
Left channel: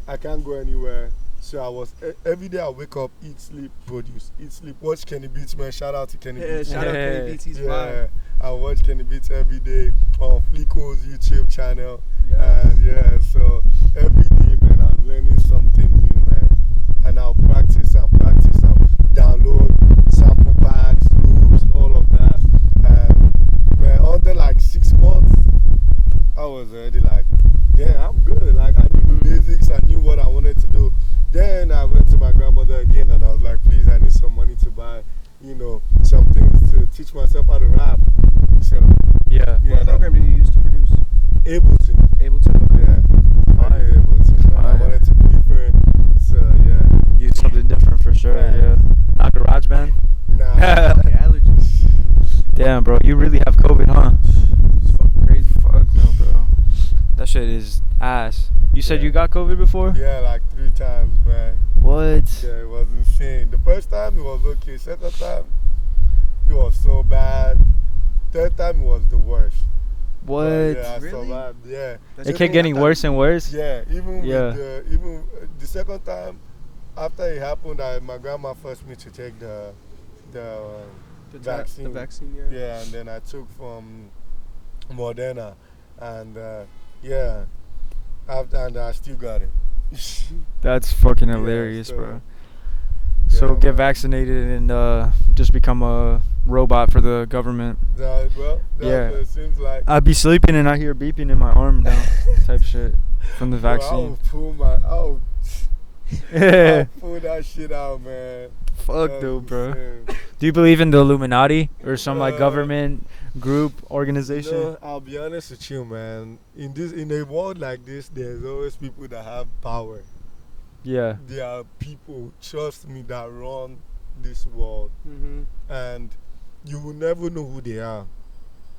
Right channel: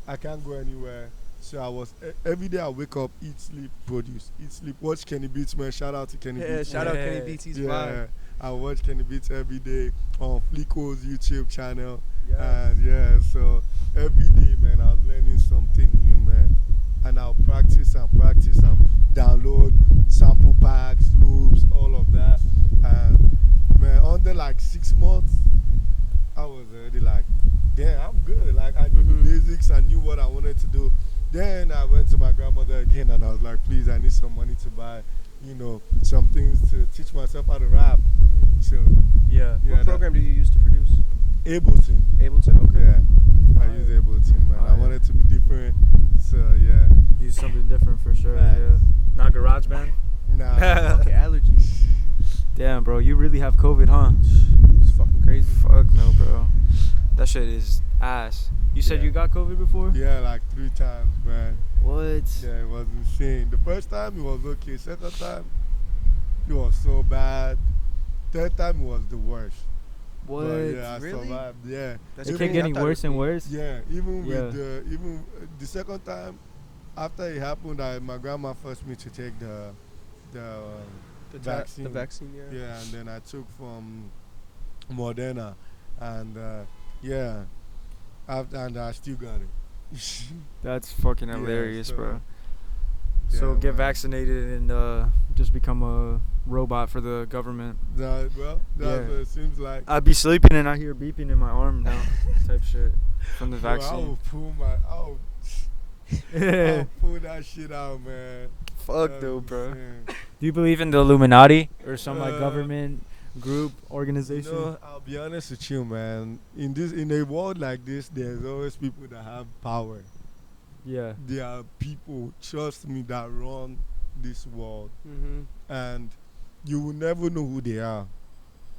I can't go anywhere. So I was every day I wake up, eat, sleep, produce, eat, sleep, watch Kenny Beats, man. Shout out to Kenny Beats. Shout out Kenny Beats, he's Yeah, fly. I watch Kenny Beats every day on Fleeco's YouTube channel. Yeah. And yeah, so every day, man, I was learning something new, man. And I'll practice and practice and download sample packs, loops, all of that. And man, under like 6 months, I was already like, damn, I'm good. Like I knew the basics, I knew what I wanted to do. Then I went to my grandmother again and I was like, please, I need some money to buy, some things to teach myself how to rap. So Yeah. What program do you use to produce? Ableton. Ableton, okay. Yeah. I use Ableton, man. I Fire. wanted to be different. So yeah. Use something different for sure. Right. Yeah. Not GarageBand. Nah. Okay, allergies. Damn, bro, you really have COVID, huh? It's fucking crazy. Fuck no, bro. That shit is ass. You said Yeah. you got COVID before? Yeah, like 3 times, man. What? Yeah, it was insane. The first time it was okay. Second time it was so bad. Third time it was the worst. What? But yeah, I Really? survived. Yeah. That's It the kept thing, getting I thought worse it- and worse? Yeah, even Yeah. with the second time after it happened, my grandma forced me to take the vaccine. The vaccine, yeah. Yeah, and then I took from Moderna, and yeah, and I still got it. That's fucking Yeah, hilarious, so- bro. So Yeah, get man. vaccinated and just become a robot for the government. That's what Yeah. it seems like. I'd be sleeping and I hear beeping in my arm now, type shit, from the Bro, vaccine. I'll pull that shit out, man. Fuck, That's dude, bro. insane. Do you believe in the Illuminati or some like Uh, government group organization? No, I'll be honest with you, man. In a world like this, there's always people that have power. Yeah. There are people, trust me, that run this world, and you will never know who they are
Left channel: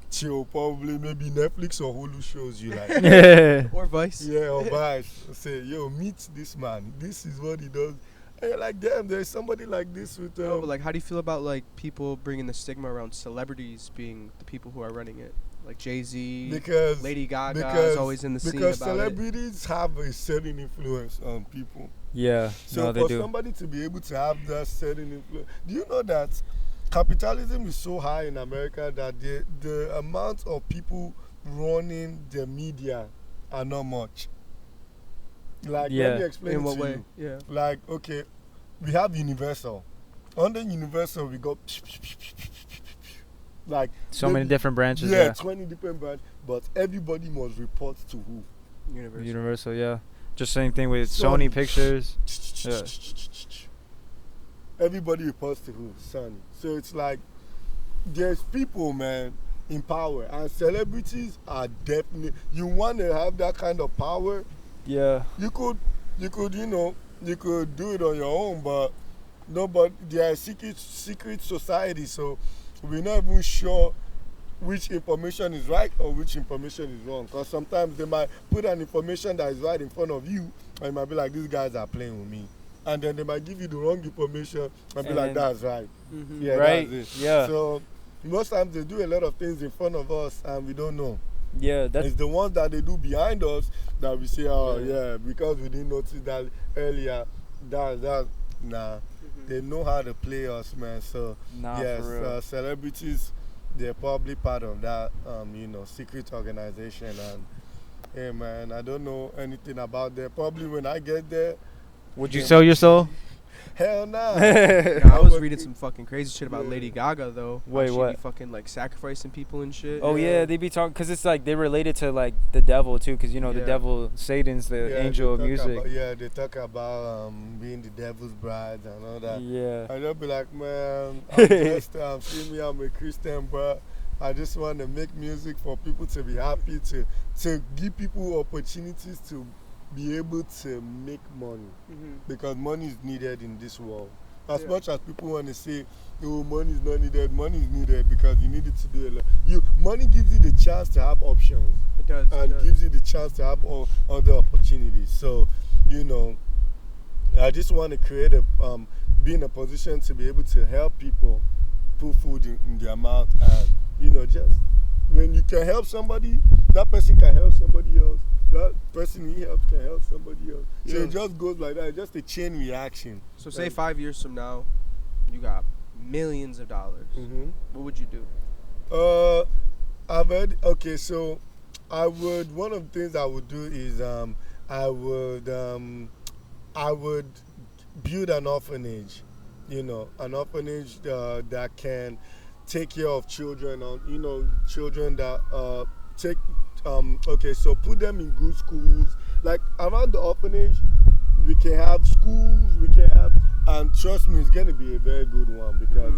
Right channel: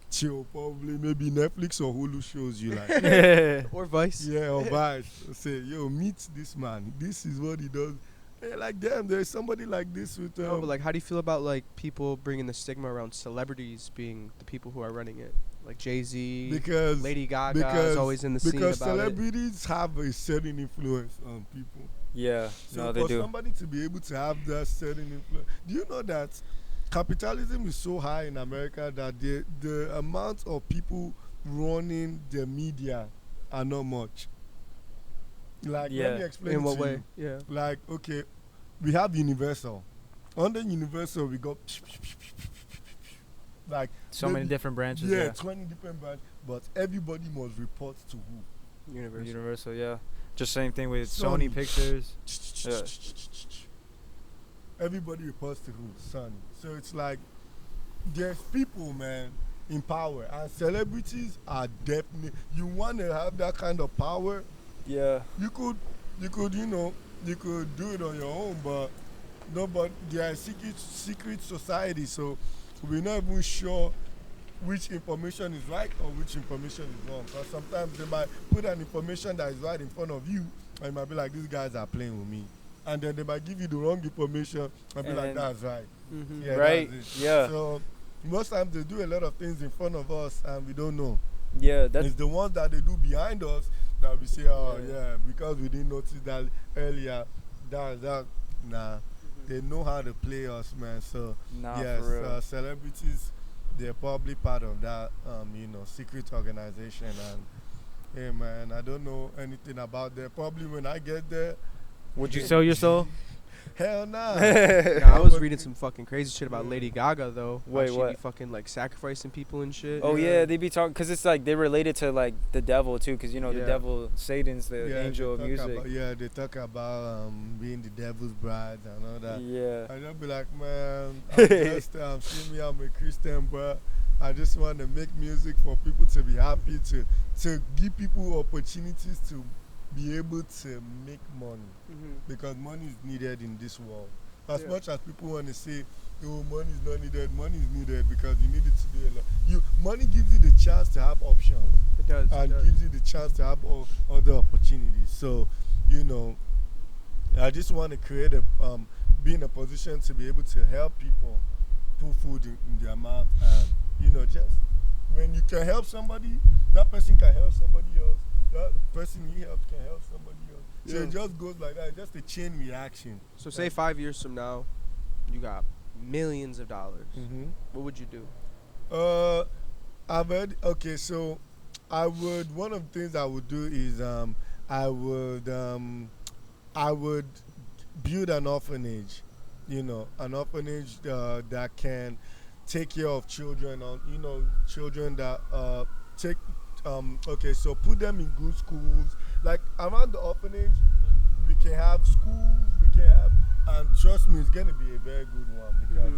till probably maybe Netflix or Hulu shows you like. Or Vice. Yeah, or Vice say, yo, meet this man. This is what he does. And you're like, damn, there's somebody like this with No, but like, how do you feel about like people bringing the stigma around celebrities being the people who are running it? Like Jay-Z, because Lady Gaga is always in the scene because about it. celebrities have a certain influence on people. Yeah. So No, they for do. somebody to be able to have that certain influence, do you know that capitalism is so high in America that the amount of people running the media are not much. Like, Yeah. let me explain In it what to way? you. Yeah. Like, okay, we have Universal. Under Universal, we got like So many maybe- different branches. yeah, Yeah. 20 different brands, but everybody must report to who? Universal. Universal. Yeah. Just same thing with Sony. Sony Pictures. Yeah. Everybody reports to who? Sony. So it's like there's people, man, in power, and celebrities are definitely. You want to have that kind of power. Yeah. You could you could do it on your own, but no. But they are secret society, so we're not even sure which information is right or which information is wrong. Because sometimes they might put an information that is right in front of you, and you might be like, these guys are playing with me. And then they might give you the wrong information and be like, And- that's right. Mm-hmm. Yeah, Right, that's it. yeah. So most times they do a lot of things in front of us and we don't know. Yeah. That's It's the ones that they do behind us that we say, oh Yeah. yeah, because we didn't notice that earlier. Nah. They know how to play us, man. So nah, yes, for real. celebrities, they're probably part of that, secret organization. And hey, man, I don't know anything about that. Probably when I get there, Would you sell your soul? hell nah. Yeah, I was But- reading some fucking crazy shit about Lady Gaga though. How Wait, she what? Be fucking like sacrificing people and shit. Oh yeah, Yeah. they be talking because it's like they're related to like the devil too, because you know the Yeah. devil, Satan's the Yeah, angel of they talk music. about- they talk about being the devil's bride and all that. Yeah. I just be like, man, I'm just, see me, I'm a Christian, but I just want to make music for people to be happy, to give people opportunities to be able to make money, because money is needed in this world. As much as people want to say, "Oh, money is not needed," money is needed because you need it to do a lot. Money gives you the chance to have options. It does. And gives you the chance to have all other opportunities. So, I just want to create be in a position to be able to help people put food in their mouth, and just when you can help somebody, that person can help somebody else. That person he helps can help somebody else. So it just goes like that. It's just a chain reaction. So say 5 years from now, you got millions of dollars. What would you do? Okay, so one of the things I would do is I would build an orphanage, an orphanage that can take care of children, children that take, okay, so put them in good schools. Like around the orphanage, we can have schools, and trust me, it's going to be a very good one because,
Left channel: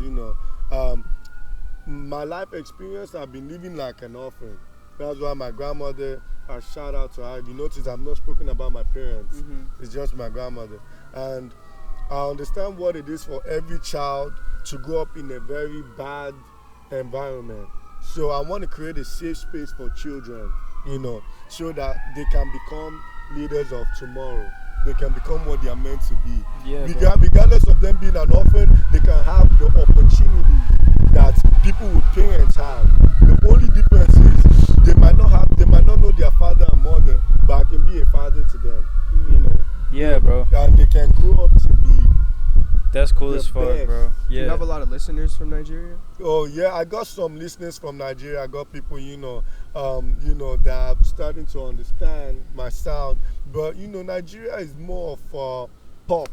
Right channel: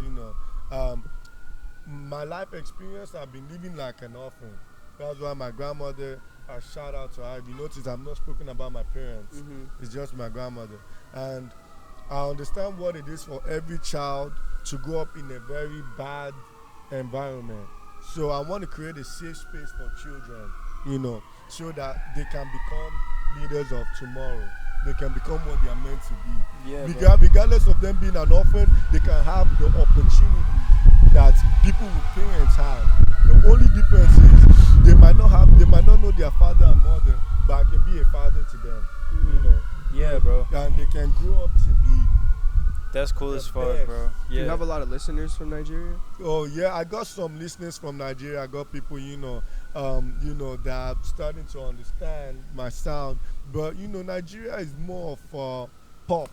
my life experience, I've been living like an orphan. That's why my grandmother, I shout out to her. If you notice, I've not spoken about my parents. It's just my grandmother. And I understand what it is for every child to grow up in a very bad environment. So I want to create a safe space for children, so that they can become leaders of tomorrow. They can become what they are meant to be. Yeah, regardless of them being an orphan, they can have the opportunity that people with parents have. The only difference is they might not know their father and mother, but I can be a father to them. Yeah, bro. And they can grow up to be. That's cool as fuck, bro. Yeah. Do you have a lot of listeners from Nigeria? Oh yeah, I got some listeners from Nigeria. I got people, that are starting to understand my sound. But Nigeria is more of pop,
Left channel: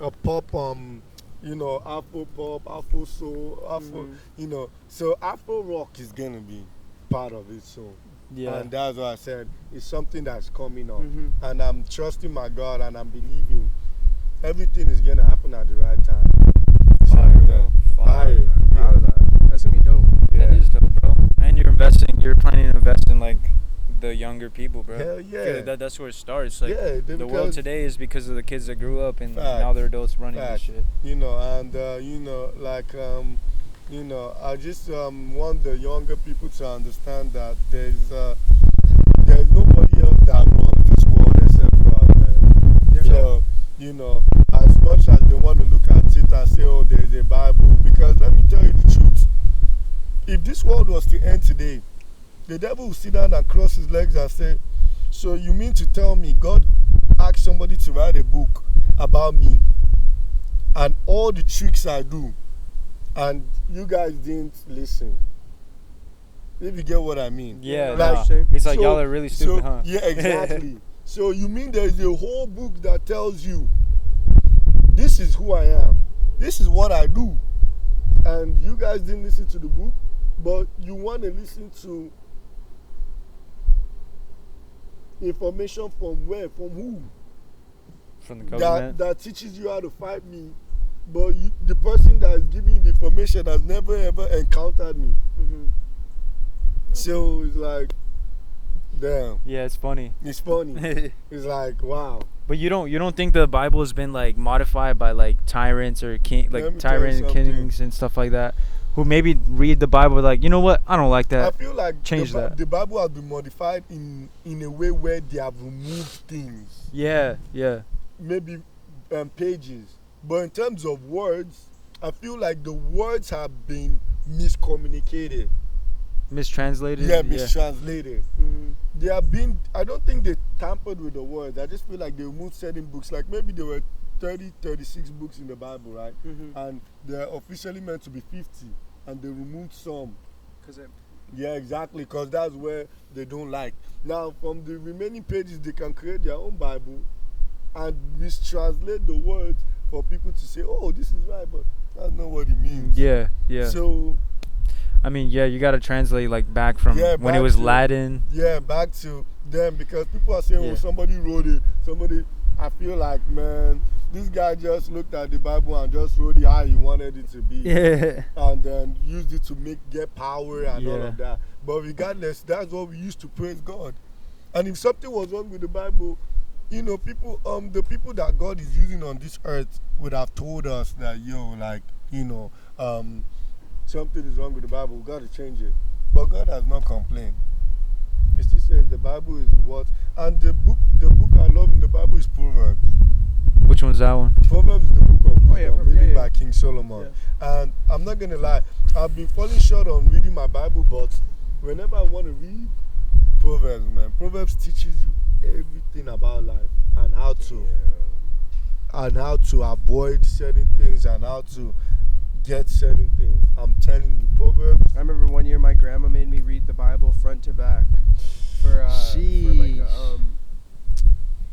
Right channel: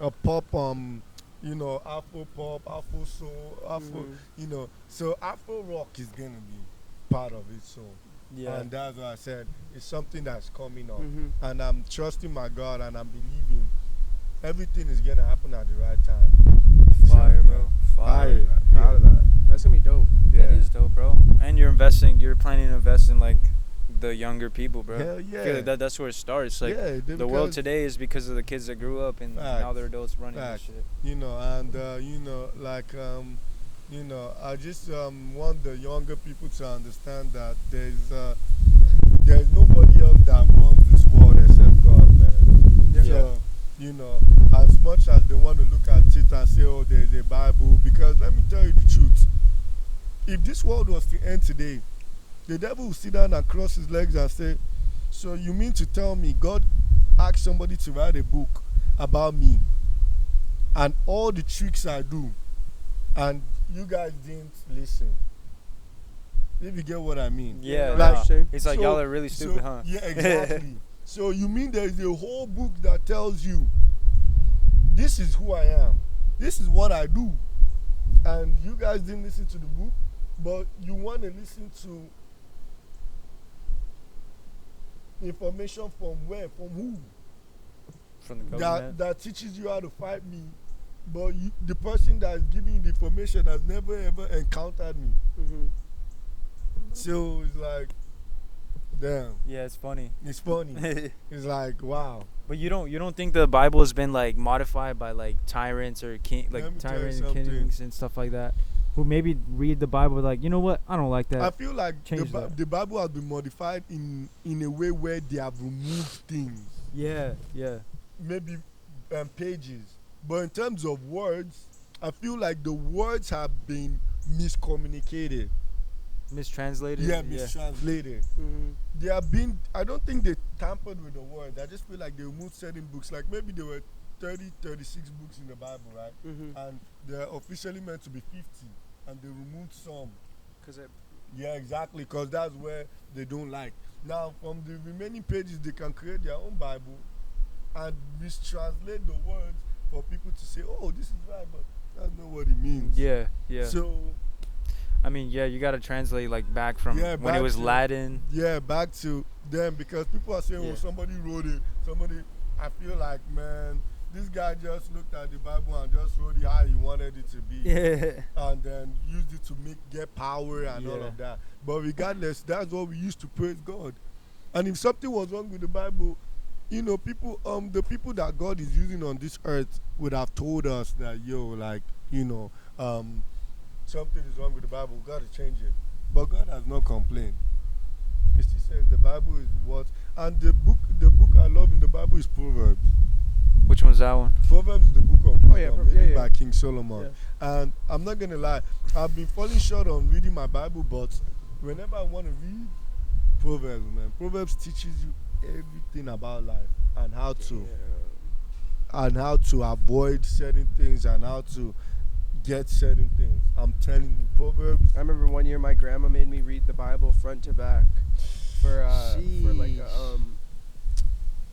Afro pop, Afro soul, Afro, So Afro rock is gonna be part of it soon. Yeah. And that's what I said. It's something that's coming up, and I'm trusting my God, and I'm believing everything is gonna happen at the right time. Fire, bro. Fire. Proud of that. That's gonna be dope. Yeah. That is dope, bro. And you're planning to invest in like the younger people, bro. Hell yeah. That's where it starts. Like the world today is because of the kids that grew up and now they're adults running this shit. I just want the younger people to understand that there's nobody else that runs this world except God, man. Yeah. So, as much as they want to look at it and say, oh, there's a Bible, because let me tell you the truth. If this world was to end today, the devil will sit down and cross his legs and say, so you mean to tell me God asked somebody to write a book about me and all the tricks I do, and you guys didn't listen? If you get what I mean. Yeah, it's like y'all are really stupid, huh? Yeah, exactly. So you mean there's a whole book that tells you this is who I am, this is what I do, and you guys didn't listen to the book, but you want to listen to information from where? From who? From the government. That teaches you how to fight me, but the person that is giving you the information has never ever encountered me. So it's like, damn. Yeah, it's funny. It's funny. It's like, wow. But you don't think the Bible has been like modified by like tyrants or tyrant kings and stuff like that, who maybe read the Bible like, you know what, I don't like that. I feel like the Bible has been modified in a way where they have removed things. Yeah. Maybe pages. But in terms of words, I feel like the words have been miscommunicated. Mistranslated? Yeah, mistranslated. They have been, I don't think they tampered with the words. I just feel like they removed certain books. Like maybe there were 36 books in the Bible, right? And they're officially meant to be 50. And they removed some. Yeah, exactly. Because that's where they don't like. Now, from the remaining pages, they can create their own Bible and mistranslate the words for people to say, oh, this is right, but that's not what it means. Yeah. So, I mean, yeah, you got to translate like back from when it was Latin. Yeah, back to them, because people are saying, oh, somebody wrote it. I feel like, man, this guy just looked at the Bible and just wrote it how he wanted it to be. Yeah. And then used it to get power and all Yeah. of that. But regardless, that's what we used to praise God. And if something was wrong with the Bible, you know, the people that God is using on this earth would have told us that, like, something is wrong with the Bible, we got to change it. But God has not complained. He still says the Bible is what, and the book I love in the Bible is Proverbs. Which one's that one? Proverbs is the book of wisdom, written by yeah. King Solomon. Yeah. And I'm not gonna lie, I've been falling short on reading my Bible, but whenever I want to read Proverbs, man, Proverbs teaches you everything about life and how to avoid certain things and how to get certain things. I'm telling you, Proverbs. I remember one year my grandma made me read the Bible front to back for like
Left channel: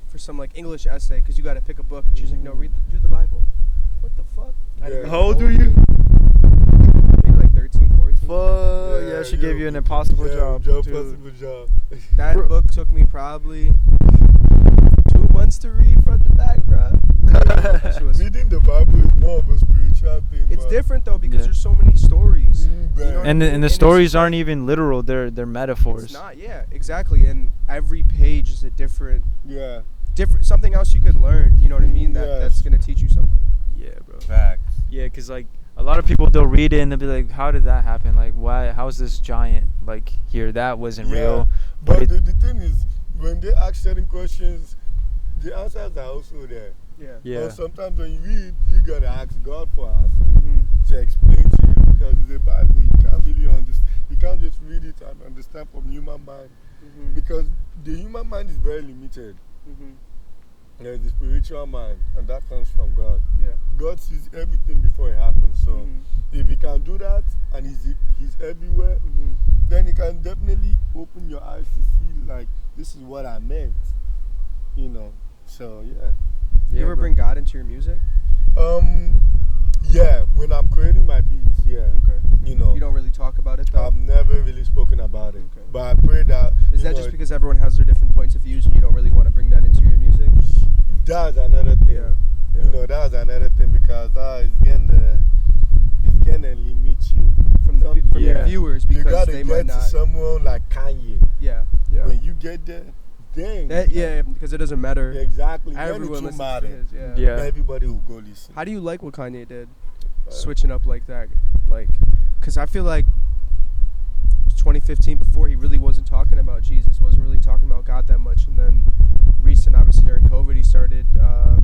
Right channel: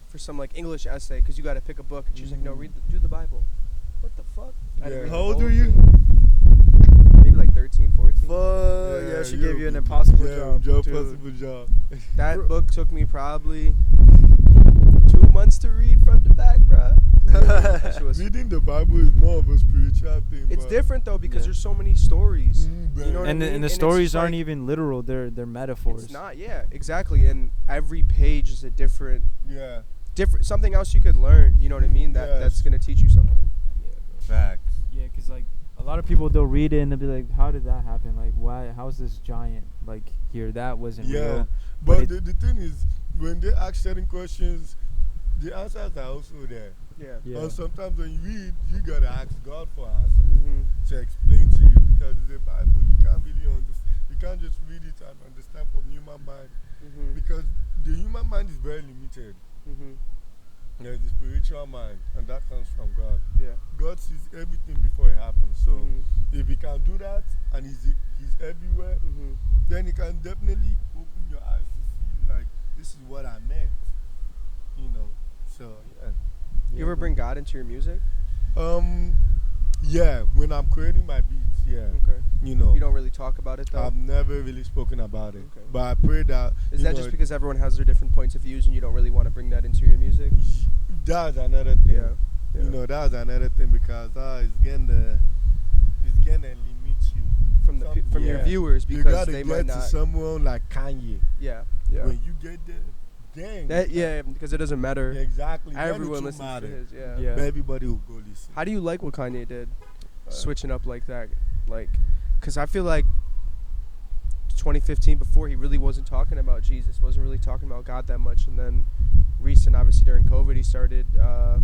for some like English essay, because you got to pick a book, and she's like, no, do the Bible. What the fuck? Yeah. How old are you? Maybe like 13, 14. Fuck. Yeah, she gave you an impossible job. Impossible job. That book took me probably 2 months to read front to back, bro. Reading the Bible is more of a spiritual thing. It's different though, because there's so many stories. You know what I mean? And the stories aren't even literal; they're metaphors. It's not, yeah, exactly. And every page is a different something else you could learn. You know what I mean? That's gonna teach you something. Yeah, bro. Facts. Yeah, cause like a lot of people, they'll read it and they'll be like, "How did that happen? Like, why? How's this giant like here? That wasn't real." But the thing is, when they ask certain questions, the answers are also there. Yeah. And sometimes when you read, you gotta ask God for answers to explain to you, because the Bible, you can't really understand. You can't just read it and understand from human mind, because the human mind is very limited. There's the spiritual mind, and that comes from God. Yeah. God sees everything before it happens. So if He can do that, and He's everywhere, then He can definitely open your eyes to see, like, this is what I meant. You know. So yeah. You ever bring God into your music? Yeah, when I'm creating my beats, yeah. Okay. You know. You don't really talk about it though? I've never really spoken about it. Okay. But I pray that. Is that just because everyone has their different points of views and you don't really want to bring that into your music? That's another thing. Yeah. You know, that's another thing, because it's gonna limit you from your viewers, because you gotta they get might not. to someone like Kanye. Yeah. When you get there, dang. Because it doesn't matter. Exactly. Everyone listens to his. Yeah. Everybody will go listen. How do you like what Kanye did? Switching up like that, because I feel like 2015, before, he really wasn't talking about Jesus, wasn't really talking about God that much, and then obviously during COVID, he started the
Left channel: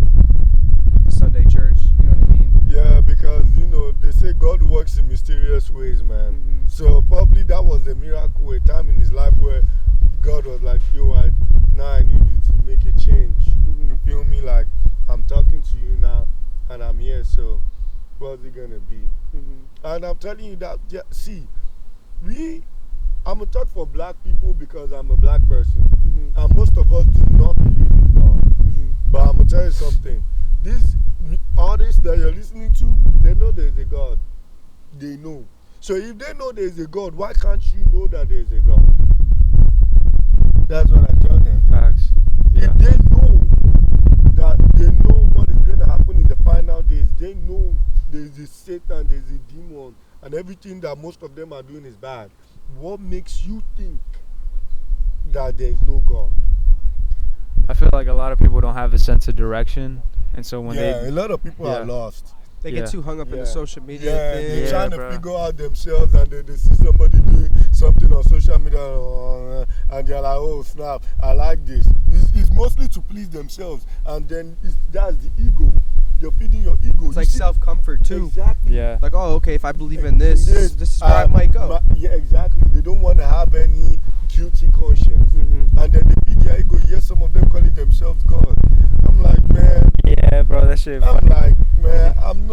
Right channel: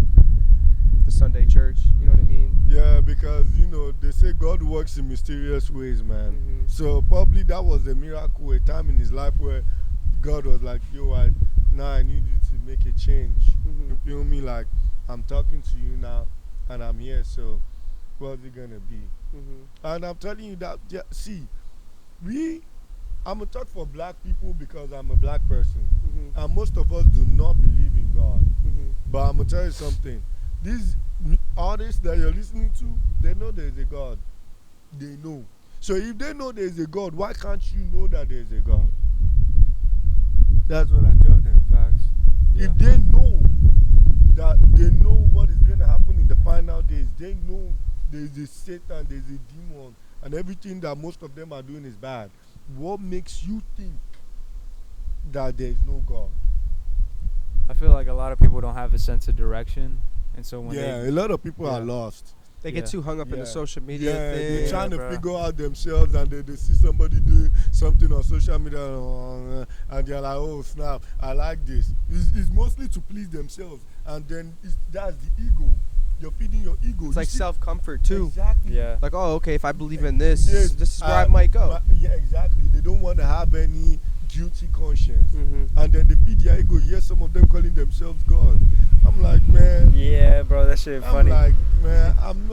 Sunday church. You know what I mean? Yeah, because they say God works in mysterious ways, man. So probably that was a miracle, a time in his life where God was like, yo, I need you to make a change. You feel me? Like, I'm talking to you now, and I'm here, so what's it gonna be? And I'm telling you that, I'm gonna talk for black people because I'm a black person, and most of us do not believe in God. But I'm gonna tell you something. These artists that you're listening to, they know there's a God. They know. So if they know there's a God, why can't you know that there's a God? That's what I tell them. Facts. Yeah. If they know that, they know what is going to happen in the final days, they know there's a Satan, there's a demon, and everything that most of them are doing is bad. What makes you think that there's no God? I feel like a lot of people don't have a sense of direction, and so when a lot of people are lost. They get too hung up in the social media thing. They're trying to figure out themselves, and they see somebody doing something on social media, and they're like, oh snap, I like this. It's mostly to please themselves, and then that's the ego. You're feeding your ego. It's like self-comfort too. Exactly. Yeah. Like, oh, okay, if I believe in this, this is where I might go. Yeah, exactly. They don't want to have any guilty conscience. And then they feed their ego. Yes, some of them calling themselves God. I'm like, man. Yeah, bro, that shit funny. I'm like, man, I'm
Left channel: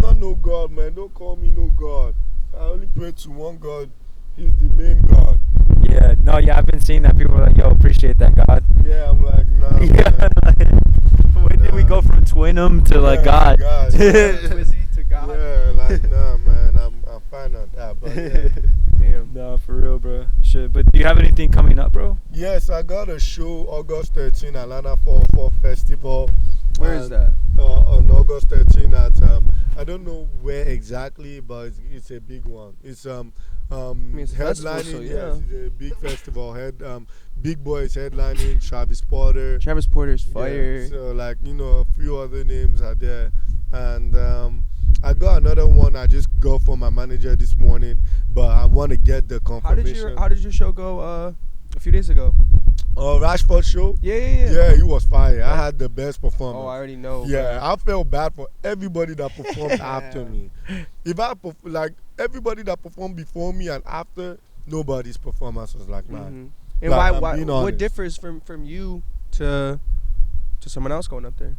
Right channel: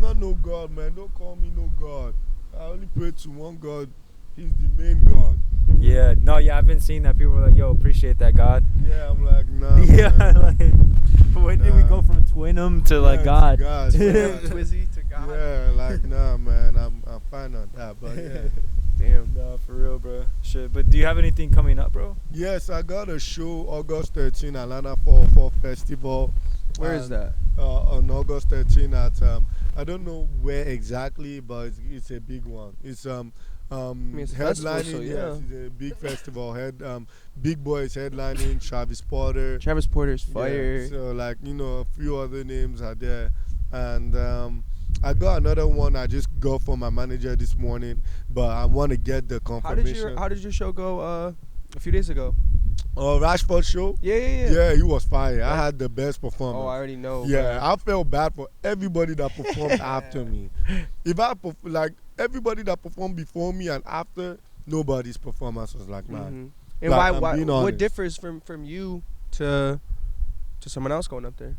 not no God, man. Don't call me no God. I only pray to one God. He's the main God. Yeah, no, I've been seeing that. People are like, yo, appreciate that, God. Yeah, I'm like, nah. Yeah, man. When did we go from Twinum to like God? Twizzy to God. Yeah, like, nah, man, I'm fine on that, but yeah. Damn. Nah, for real, bro. Shit, but do you have anything coming up, bro? Yes, I got a show August 13, Atlanta 404 Festival. Where is that? On August 13 at I don't know where exactly, but it's a big one. It's it's a festival, so headlining. yeah. Yes, it's a big festival. Big Boy is headlining. Travis Porter. Travis Porter's fire. Yeah, so like a few other names are there, and I got another one I just got from my manager this morning, but I want to get the confirmation. How did your show go a few days ago? Rashford show. Yeah. Yeah, he was fire. I had the best performance. Oh, I already know. Yeah, I felt bad for everybody that performed after me. If like everybody that performed before me and after, nobody's performance was like mine. And Like, why being what honest. differs from you to someone else going up there?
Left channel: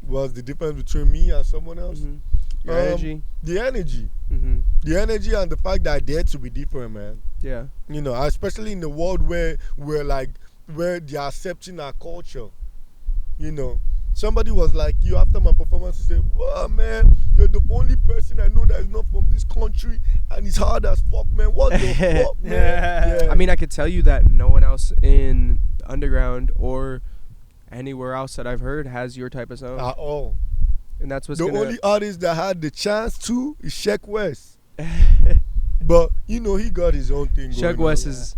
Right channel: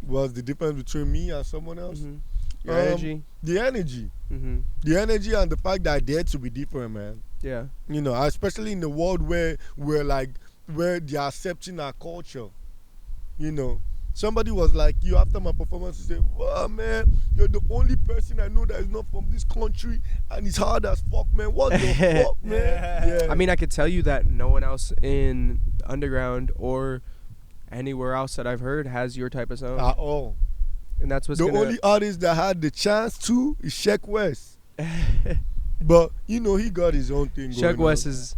What's the difference between me and someone else? Your energy. The energy. Mm-hmm. The energy and the fact that I dare to be different, man. Yeah. Especially in the world where they are accepting our culture. Somebody was like, you after my performance, he said, "Wow, man, you're the only person I know that is not from this country, and it's hard as fuck, man. What the fuck, man?" Yeah. I mean, I could tell you that no one else in the underground or anywhere else that I've heard has your type of sound. At all. And that's what's The only artist that had the chance to is Sheck West. But he got his own thing going Sheck West on. is.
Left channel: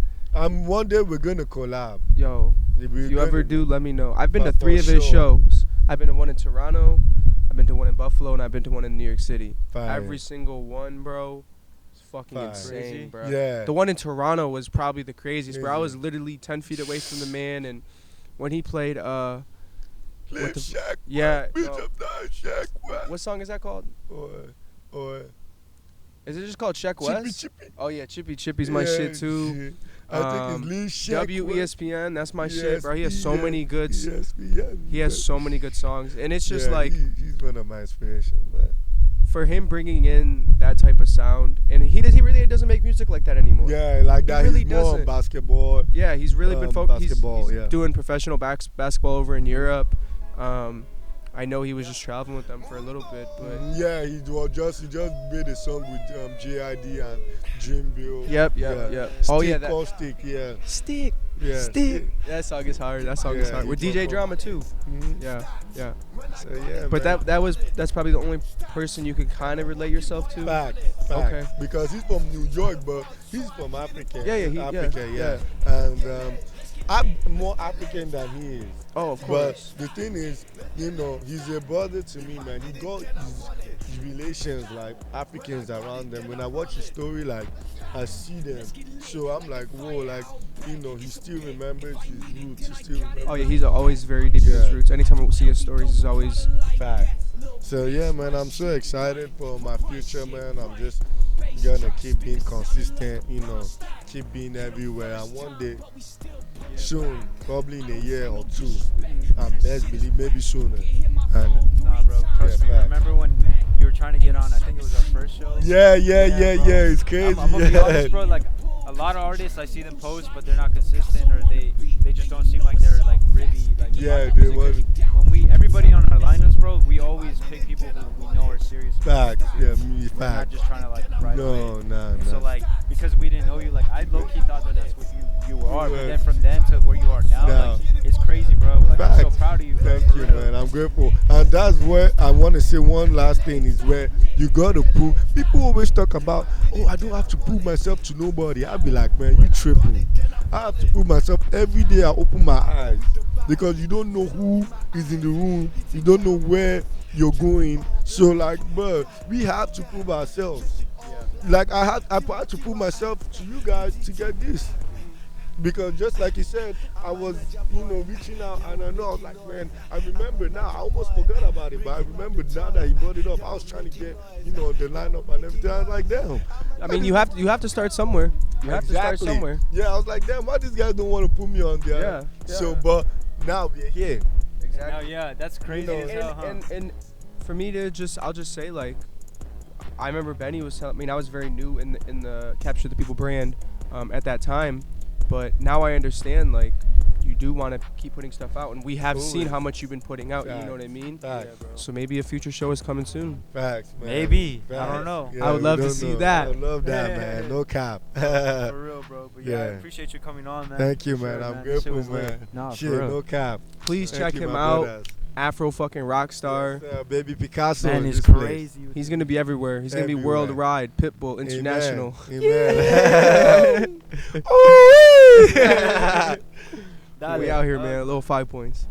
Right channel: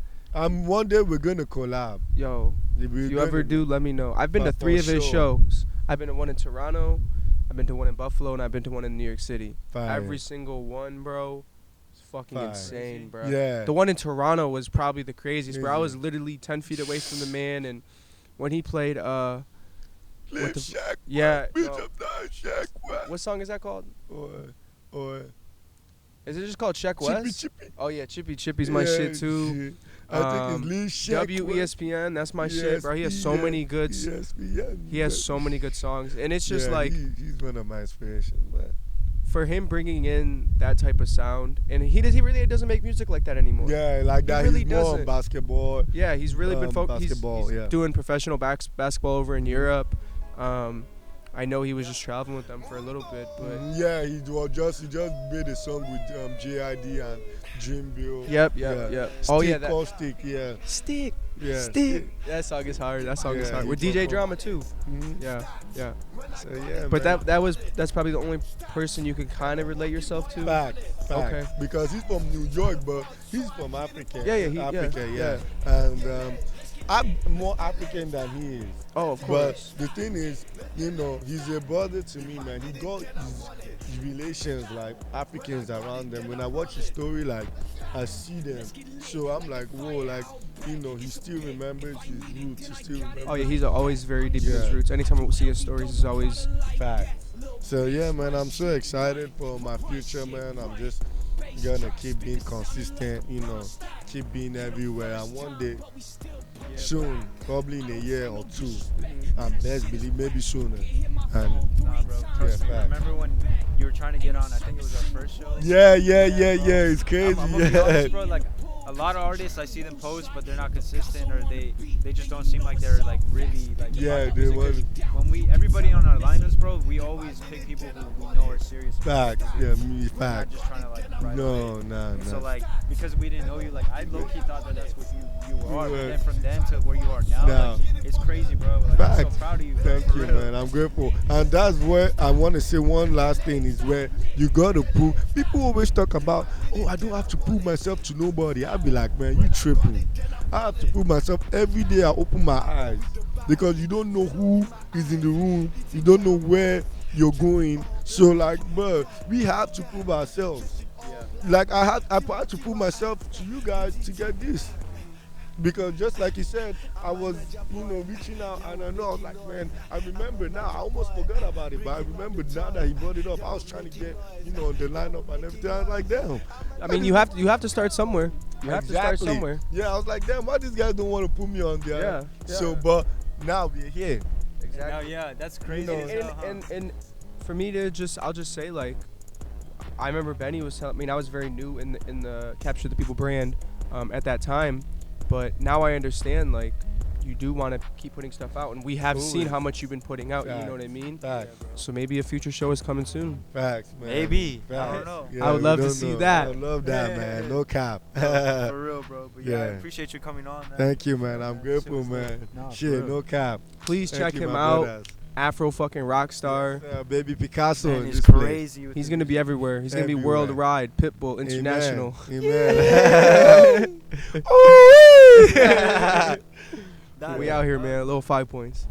One day we're gonna collab. Yo, if you ever do, let me know. I've been to But 3 for of his sure. shows. I've been to one in Toronto, I've been to one in Buffalo, and I've been to one in New York City. Fire. Every single one, bro, is fucking Fire. insane, bro. Yeah. The one in Toronto was probably the craziest, bro. I was literally 10 feet away from the man, and when he played, Shaq yeah, West. no. Shaq West. What song is that called? Or Is it just called Sheck West? Chippy. Oh yeah, Chippy's my shit too. I think it's Lil Shaq West. WESPN, that's my shit, bro. He has so many good. ESPN. He has so many good songs, and it's just like he's one of my inspirations, man. for him bringing in that type of sound, and he really doesn't make music like that anymore. Yeah, like that. really He's more on doesn't. basketball. Yeah, he's really been focused. He's basketball, yeah. doing professional basketball over in Europe. I know he was just traveling with them for a little bit, but Yeah, he just made a song with JID and Dream Bill. Yep. Oh yeah, Stick called Stick, yeah. Stick. Yeah. Stick. That song is hard. That song is Yeah, hard. he With DJ performed. Drama too. Mhm. Yeah. So yeah, But man. that's probably the only person you could kind of relate yourself to. Fact. Okay. Because he's from New York, but he's from Africa. Yeah, Africa, yeah. And I'm more African than he is. Oh, of course. But the thing is, he's a brother to me, man. He got his relations like Africans around them. When I watch his story, like I see them. So I'm like, whoa, like, he still remembers his roots. He still remembers. Oh yeah, he's always very deep in his roots. Anytime we see his stories, he's always fact. So yeah, man, I'm so excited for my future, man. I'm just gonna keep being consistent, keep being everywhere. And one day, soon, probably in a year or two, and best believe maybe sooner. And Nah, bro. Trust me. fact. Remember when you were trying to get on? I think it was our first show. Yeah. bro. It's crazy. I'm gonna be honest, bro. Like a lot of artists, I see them post, but they're not consistent, or they just don't seem like they're like really like. Yeah, about they music. want. When everybody on our lineups, bro, we always pick people who we know are serious. about Fact. music. Yeah, me We're not fact. just trying to like ride No, away. nah. So like because we didn't know you, like I low key thought that that's what you are, but were. then from then to where you are now, Now. like it's crazy, bro. Like I'm so Fact. proud of you. Thank for you, real. man. I'm grateful. And that's where I want to say one last thing is where you got to prove. People always talk about, oh, I don't have to prove myself to nobody. I'll be like, man, you tripping. I have to prove myself every day I open my eyes. Because you don't know who is in the room. You don't know where you're going. So, like, bro, we have to prove ourselves. Like, I had to prove myself to you guys to get this. Because just like you said, I was, reaching out, and I know, I was like, man, I remember now. I almost forgot about it, but I remember now that he brought it up. I was trying to get, the lineup and everything. I was like, damn. I mean, you have to start somewhere. You have to start somewhere. Yeah, I was like, damn, why these guys don't want to put me on there? Yeah. So, but now we're here. No, yeah, that's crazy. as hell, huh? And for me to I'll just say, like, I remember Benny was telling me, I was very new in the Capture the People brand at that time, but now I understand, like, you do want to keep putting stuff out, and we have seen how much you've been putting out. Facts. You know what I mean? Facts. So maybe a future show is coming soon. Facts, man. Maybe. I Facts. don't know. Yeah, I would we love to don't see know. that. I would love that, Yeah. man. No cap. For real, bro. But yeah, I Yeah. appreciate you coming on, man. Thank you, man. Sure, I'm Shit grateful, was lit. man. Nah, for Shit, real. no cap. Please Thank check you, him my out. brothers. Afro fucking rock star. Yes, Babypikaso. Man, in it's this place. crazy. He's gonna be everywhere. He's gonna be Everywhere. worldwide. Pitbull, international. Amen. That We is- out here, man. Little 5 points.